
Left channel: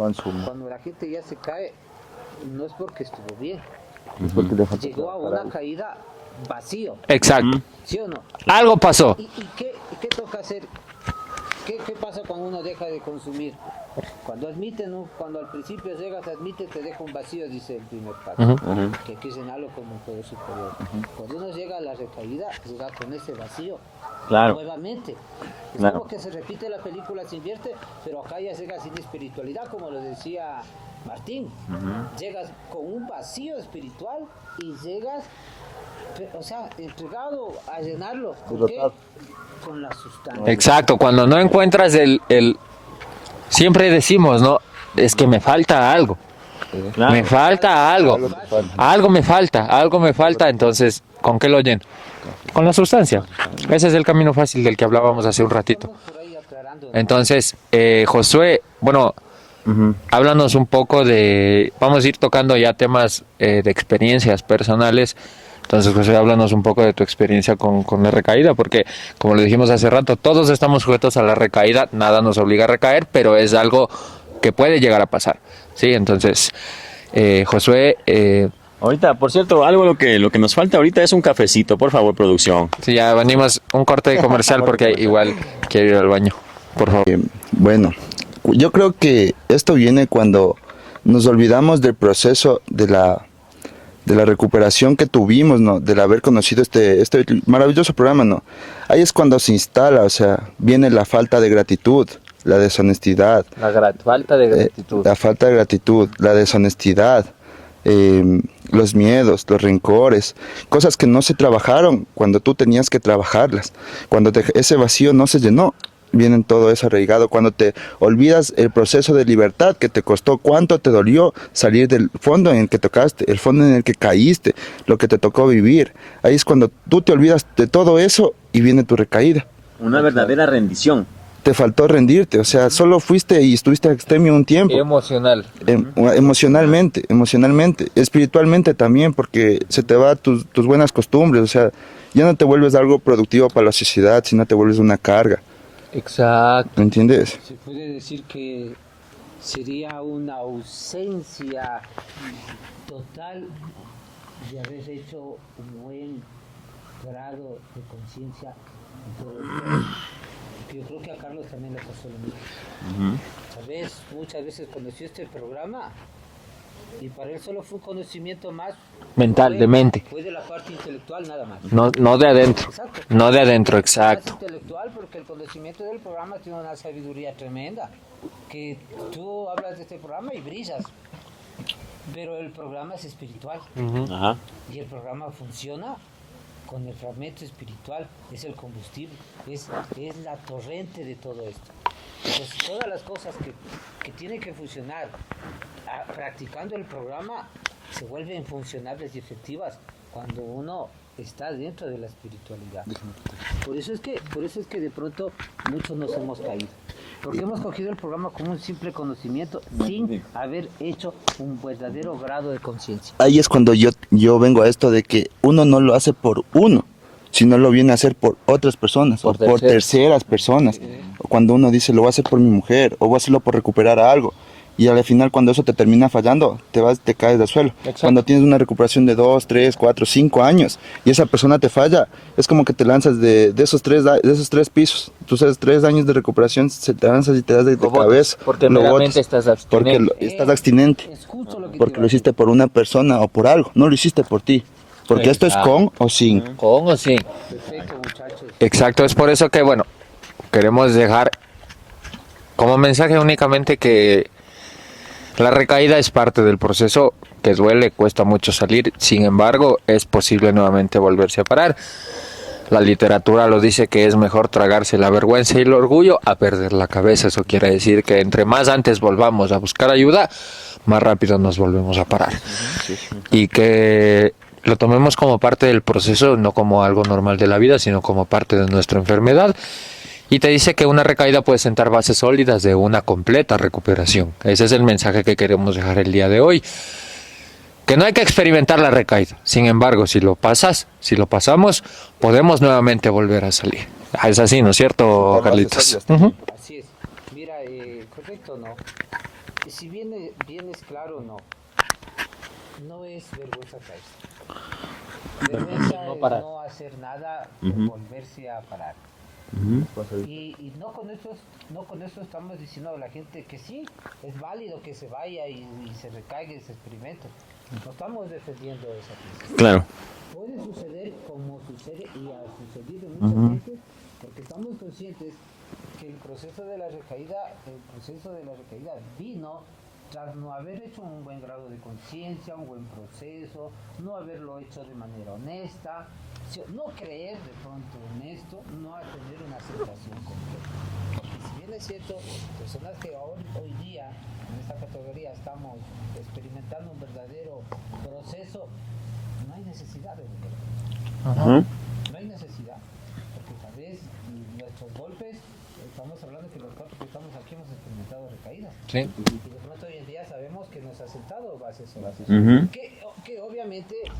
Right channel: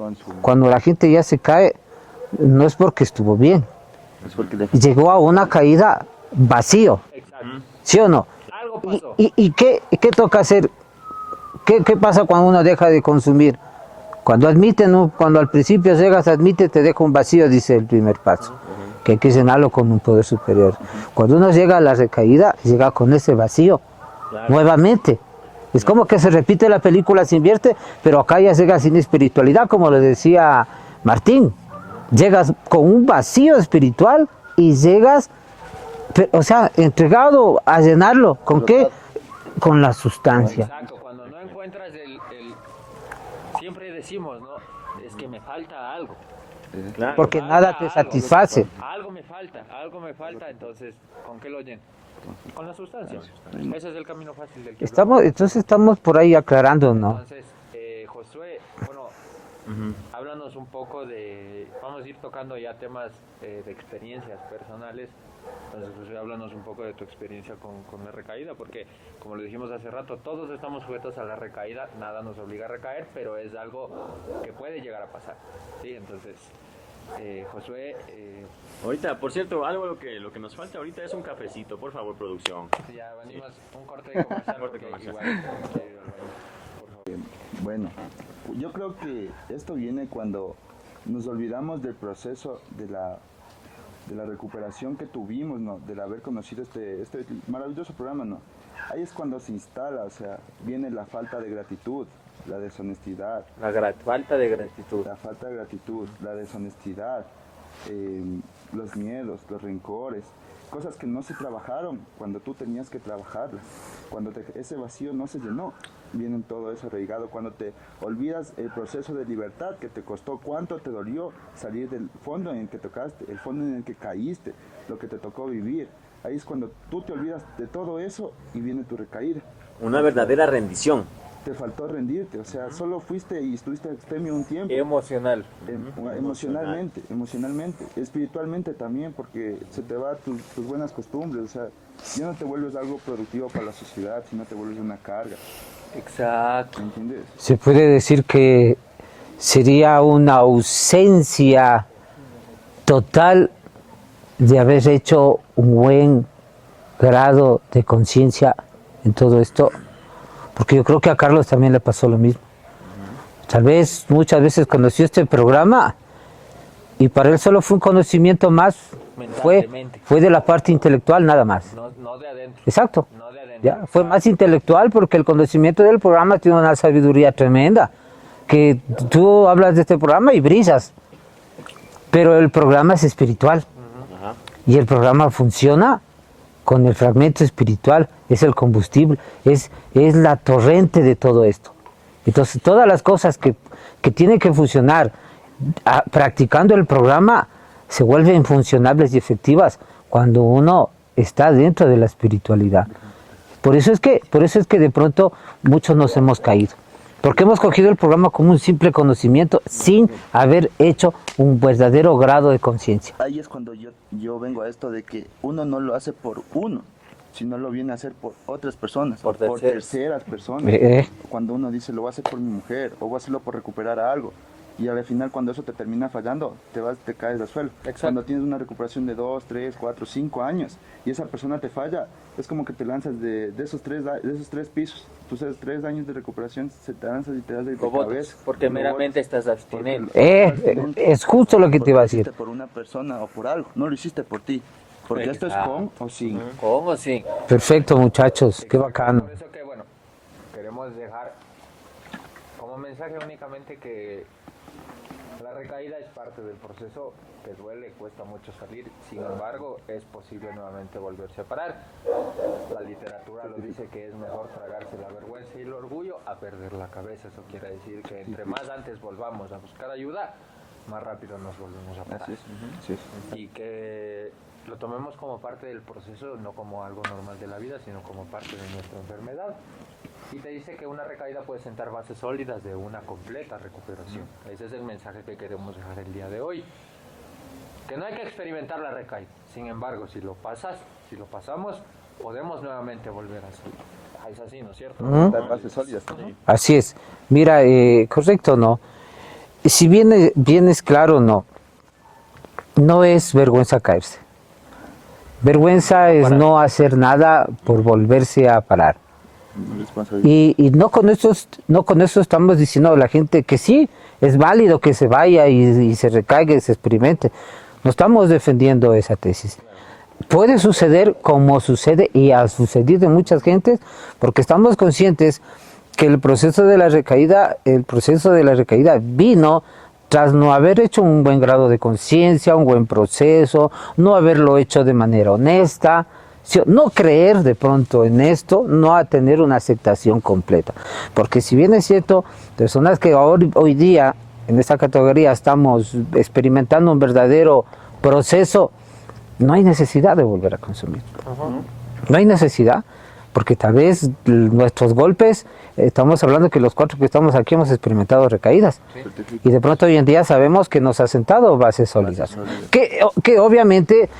cuando la gente ya se cae, no es porque estuvo bien. Llegó a una caída vacío, Exacto. ¿sí o no? Algo pasó. ¿Y qué toca hacer? ¿Qué pasa cuando uno deja de consumir? Cuando admite, ¿no? Cuando al principio llegas, admite, te deja un vacío, dice el primer paso, que hay que llenarlo con un poder superior. Cuando uno llega a la recaída, llega con ese vacío, Claro. nuevamente. Es como que se repite la película, se invierte, pero acá ya llega sin espiritualidad, como le decía Martín. Llegas con un vacío espiritual y llegas, o sea, entregado a llenarlo. ¿Con qué? Con la sustancia. Exacto. Cuando no encuentras siempre decimos, ¿no? Es que me falta algo. Claro. Me Porque nada falta te algo. satisface. Algo me falta. Entonces, ¿con qué lo lleno? Con la sustancia. Ese es el camino fácil del que hablábamos hace un ratito. Estamos por ahí aclarando, ¿no? Entonces, Josué, bueno, háblanos un poco vamos a ir tocando ya temas de experiencias personales. Entonces, Josué, háblanos un poco de tu experiencia con la recaída, porque, como lo dijimos hace rato, todos estamos sujetos a la recaída, nada nos obliga a recaer, pero es algo que puede llegar a pasar, ¿sí? Entonces, Josué, Ahorita, por cierto, algo lo que nos falta ahorita es un cafecito, por favor, producción. sí, ya venimos un corte de comercial porque igual quiero ir al baño, por favor. Bueno, yo creo que esto viene cuando nos olvidamos del proceso de la recuperación que tuvimos, ¿no? Del haber conocido este maravilloso programa, ¿no? Ahí es cuando se instala, o sea, viene la falta de gratitud, la deshonestidad, Falta de gratitud. la falta de gratitud, la deshonestidad, los miedos, los rencores, cosas que no se trabajaron cuando tú tenías que trabajarlas, cuando ese vacío no se llenó, vienen todo eso arraigado, cuando te olvidas el proceso de libertad que te costó, cuánto te dolió salir del fondo en el que tocaste, el fondo en el que caíste, lo que te tocó vivir, ahí es cuando tú te olvidas de todo eso y viene tu recaída. Una verdadera rendición. Te faltó rendirte, o sea, solo fuiste y estuviste extremio un tiempo. Emocional. Emocionalmente, espiritualmente también, porque se te va tus buenas costumbres, o sea, ya no te vuelves algo productivo para la sociedad, sino te vuelves una carga, Exacto. ¿me entiendes? Se puede decir que sería una ausencia total de haber hecho un buen grado de conciencia en todo esto, porque yo creo que a Carlos también le pasó lo mismo. Tal vez muchas veces conoció este programa y para él solo fue un conocimiento más Mental, fue, de mente. fue de la parte intelectual nada más. No de adentro. Exacto. No de adentro, Fue más exacto. intelectual porque el conocimiento del programa tiene una sabiduría tremenda. Que tú hablas de este programa y brillas, pero el programa es espiritual. Ajá. Y el programa funciona con el fragmento espiritual, es el combustible, es la torrente de todo esto. Entonces, todas las cosas que tienen que funcionar practicando el programa se vuelven funcionables y efectivas cuando uno está dentro de la espiritualidad. Por eso es que de pronto muchos nos hemos caído. Porque hemos cogido el programa como un simple conocimiento sin haber hecho un verdadero grado de conciencia. Ahí es cuando yo vengo a esto de que uno no lo hace por uno, sino lo viene a hacer por otras personas, Por o por terceras personas. Cuando uno dice, lo voy a hacer por mi mujer, o voy a hacerlo por recuperar algo. Y al final, cuando eso te termina fallando, te caes del suelo. Exacto. Cuando tienes una recuperación de 2, 3, 4, 5 años y esa persona te falla, es como que te lanzas de esos tres pisos. Tú sabes, 3 años de recuperación, se te lanzas y te das de cabeza. Porque lo realmente botas, estás porque abstinente. estás abstinente. Es justo lo que te Porque iba a lo decir. hiciste por una persona o por algo, no lo hiciste por ti. Porque esto es con o sin. ¿Con o sin? Perfecto, muchachos. Exacto, es por eso que, bueno, queremos dejar como mensaje únicamente que la recaída es parte del proceso, que duele, cuesta mucho salir, sin embargo, es posible nuevamente volverse a parar. La literatura lo dice que es mejor tragarse la vergüenza y el orgullo a perder la cabeza. Eso quiere decir que entre más antes volvamos a buscar ayuda, más rápido nos volvemos a parar. Y que lo tomemos como parte del proceso, no como algo normal de la vida, sino como parte de nuestra enfermedad. Y te dice que una recaída puede sentar bases sólidas de una completa recuperación. Ese es el mensaje que queremos dejar el día de hoy. Que no hay que experimentar la recaída. Sin embargo, si lo pasamos, podemos nuevamente volver a salir. Es así, ¿no es cierto, Carlitos? Así es. Mira, correcto, ¿no? Si bien es claro, no es vergüenza caerse. Vergüenza es no hacer nada por volverse a parar. Y no con eso estamos diciendo a la gente que sí, es válido que se vaya y se recaiga y se experimente. No estamos defendiendo esa tesis. Claro. Puede suceder como sucede y ha sucedido en muchas gentes, porque estamos conscientes que el proceso de la recaída vino tras no haber hecho un buen grado de conciencia, un buen proceso, no haberlo hecho de manera honesta, no creer de pronto en esto, no a tener una aceptación completa. Porque si bien es cierto, personas que hoy día en esta categoría estamos experimentando un verdadero proceso, no hay necesidad de volver a consumir. No hay necesidad, porque tal vez nuestros golpes, estamos hablando que los 4 que estamos aquí hemos experimentado recaídas. Sí. Y de pronto hoy en día sabemos que nos ha sentado bases sólidas. Que obviamente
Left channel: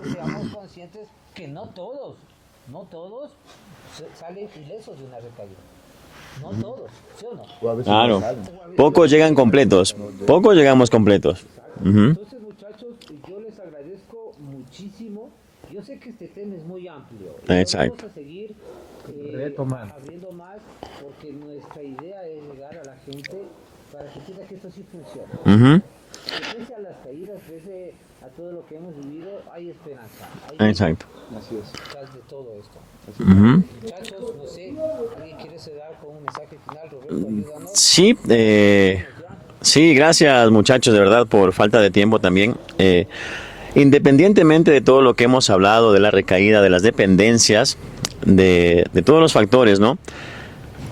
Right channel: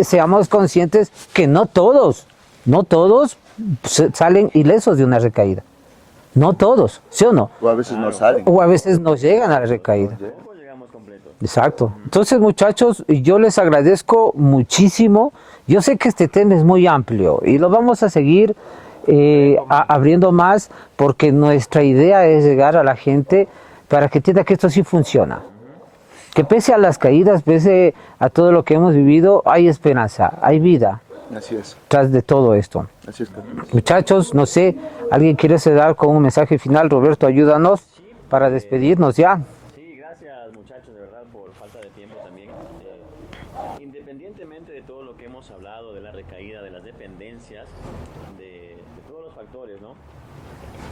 seamos conscientes que no todos salen ilesos de una recaída. No todos, ¿sí o no? O a veces Claro. no salen. O a veces Pocos no llegan llegan a la completos. recaída. Pocos llegamos completos. Exacto. Entonces, muchachos, yo les agradezco muchísimo. Yo sé que este tema es muy amplio y lo Exacto. vamos a seguir abriendo más, porque nuestra idea es llegar a la gente para que entienda que esto sí funciona. Ujú. Que pese a las caídas, pese a todo lo que hemos vivido, hay esperanza, hay vida Exacto. Así es. tras de todo esto. Muchachos, no sé, ¿alguien quiere cerrar con un mensaje final? Roberto, ayúdanos Sí, para despedirnos ya. Sí, gracias muchachos, de verdad, por falta de tiempo también. Independientemente de todo lo que hemos hablado, de la recaída, de las dependencias, de todos los factores, ¿no?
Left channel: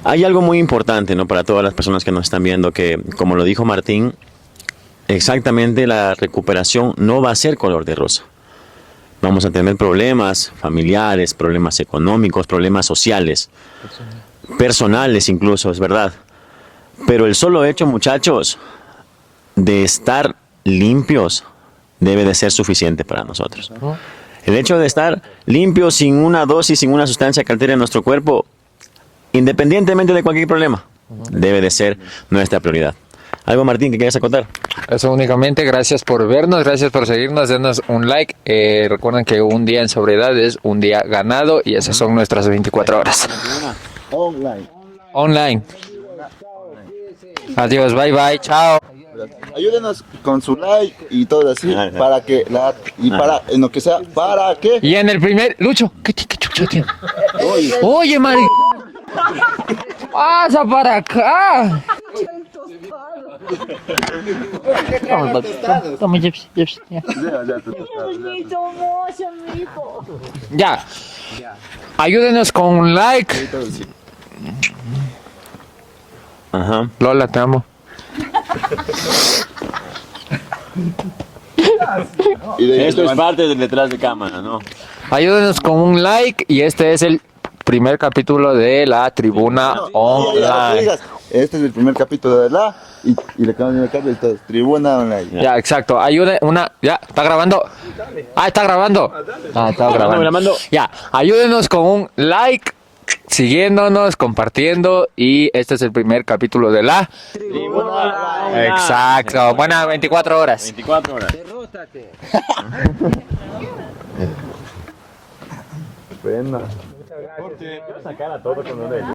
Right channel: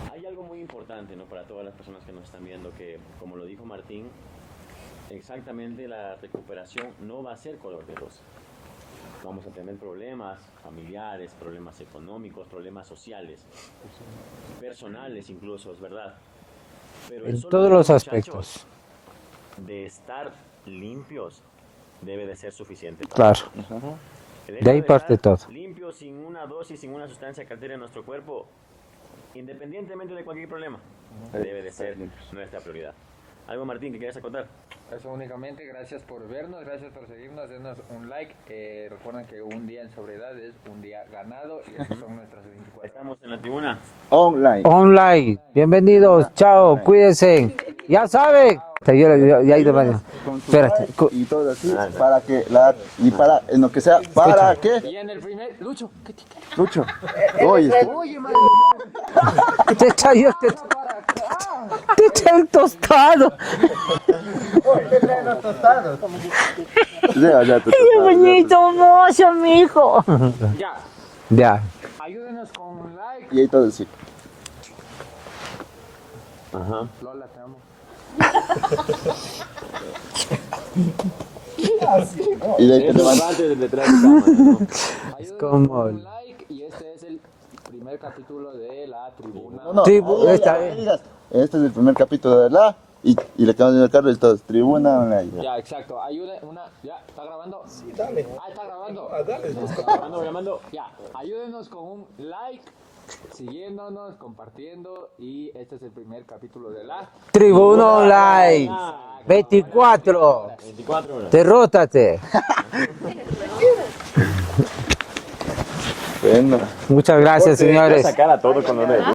Hay algo muy importante, ¿no? Para todas las personas que nos están viendo, que como lo dijo Martín, exactamente la recuperación no va a ser color de rosa. Vamos a tener problemas familiares, problemas económicos, problemas sociales, personales incluso, es verdad. Pero el solo Todos hecho, los muchachos, de estar limpios debe de ser suficiente para Claro. nosotros. El hecho Bien de estar respetado. limpios sin una dosis, sin una sustancia que altere nuestro cuerpo, independientemente de cualquier problema, debe de ser nuestra prioridad. ¿Algo, Martín, que quieras contar? Eso únicamente, gracias por vernos, gracias por seguirnos, denos un like. Recuerden que un día en sobriedad es un día ganado y esas son nuestras 24 horas. Online. Online. Online. Bienvenidos, chao, cuídense. Adiós, Ya bye, bye, saben. chao. Ya he ido baño. Ayúdanos con su Espera. like y todo así, para que para en lo que sea, para que Y en el primer, Lucho, ¿qué chucha, tío? Oye, Mari, Te echa yo, pasa para acá. te echa el tostado. Qué bonito, hermoso, mijo. Ya, Ya. ayúdenos con un like. y todo así. Ajá. Lola, te amo. Y de ahí Esto es parte del detrás de cámara, ¿no? Ayúdenos con un like y este es el primer capítulo de la Tribuna Online. Este es el primer capítulo de la y le acabo de marcar esto, Tribuna Online. Ya, exacto. Ayude una. Ya, ¿está grabando? Ah, está grabando. Ah, está grabando. Me la mando. Ya, ayúdenos con un like, siguiéndonos, compartiendo. Y este es el primer capítulo de la. Tribuna Online. Exacto. Buenas 24 horas. 24 horas. Derrótate. Bueno. Muchas gracias, señores. Sacar a todo con la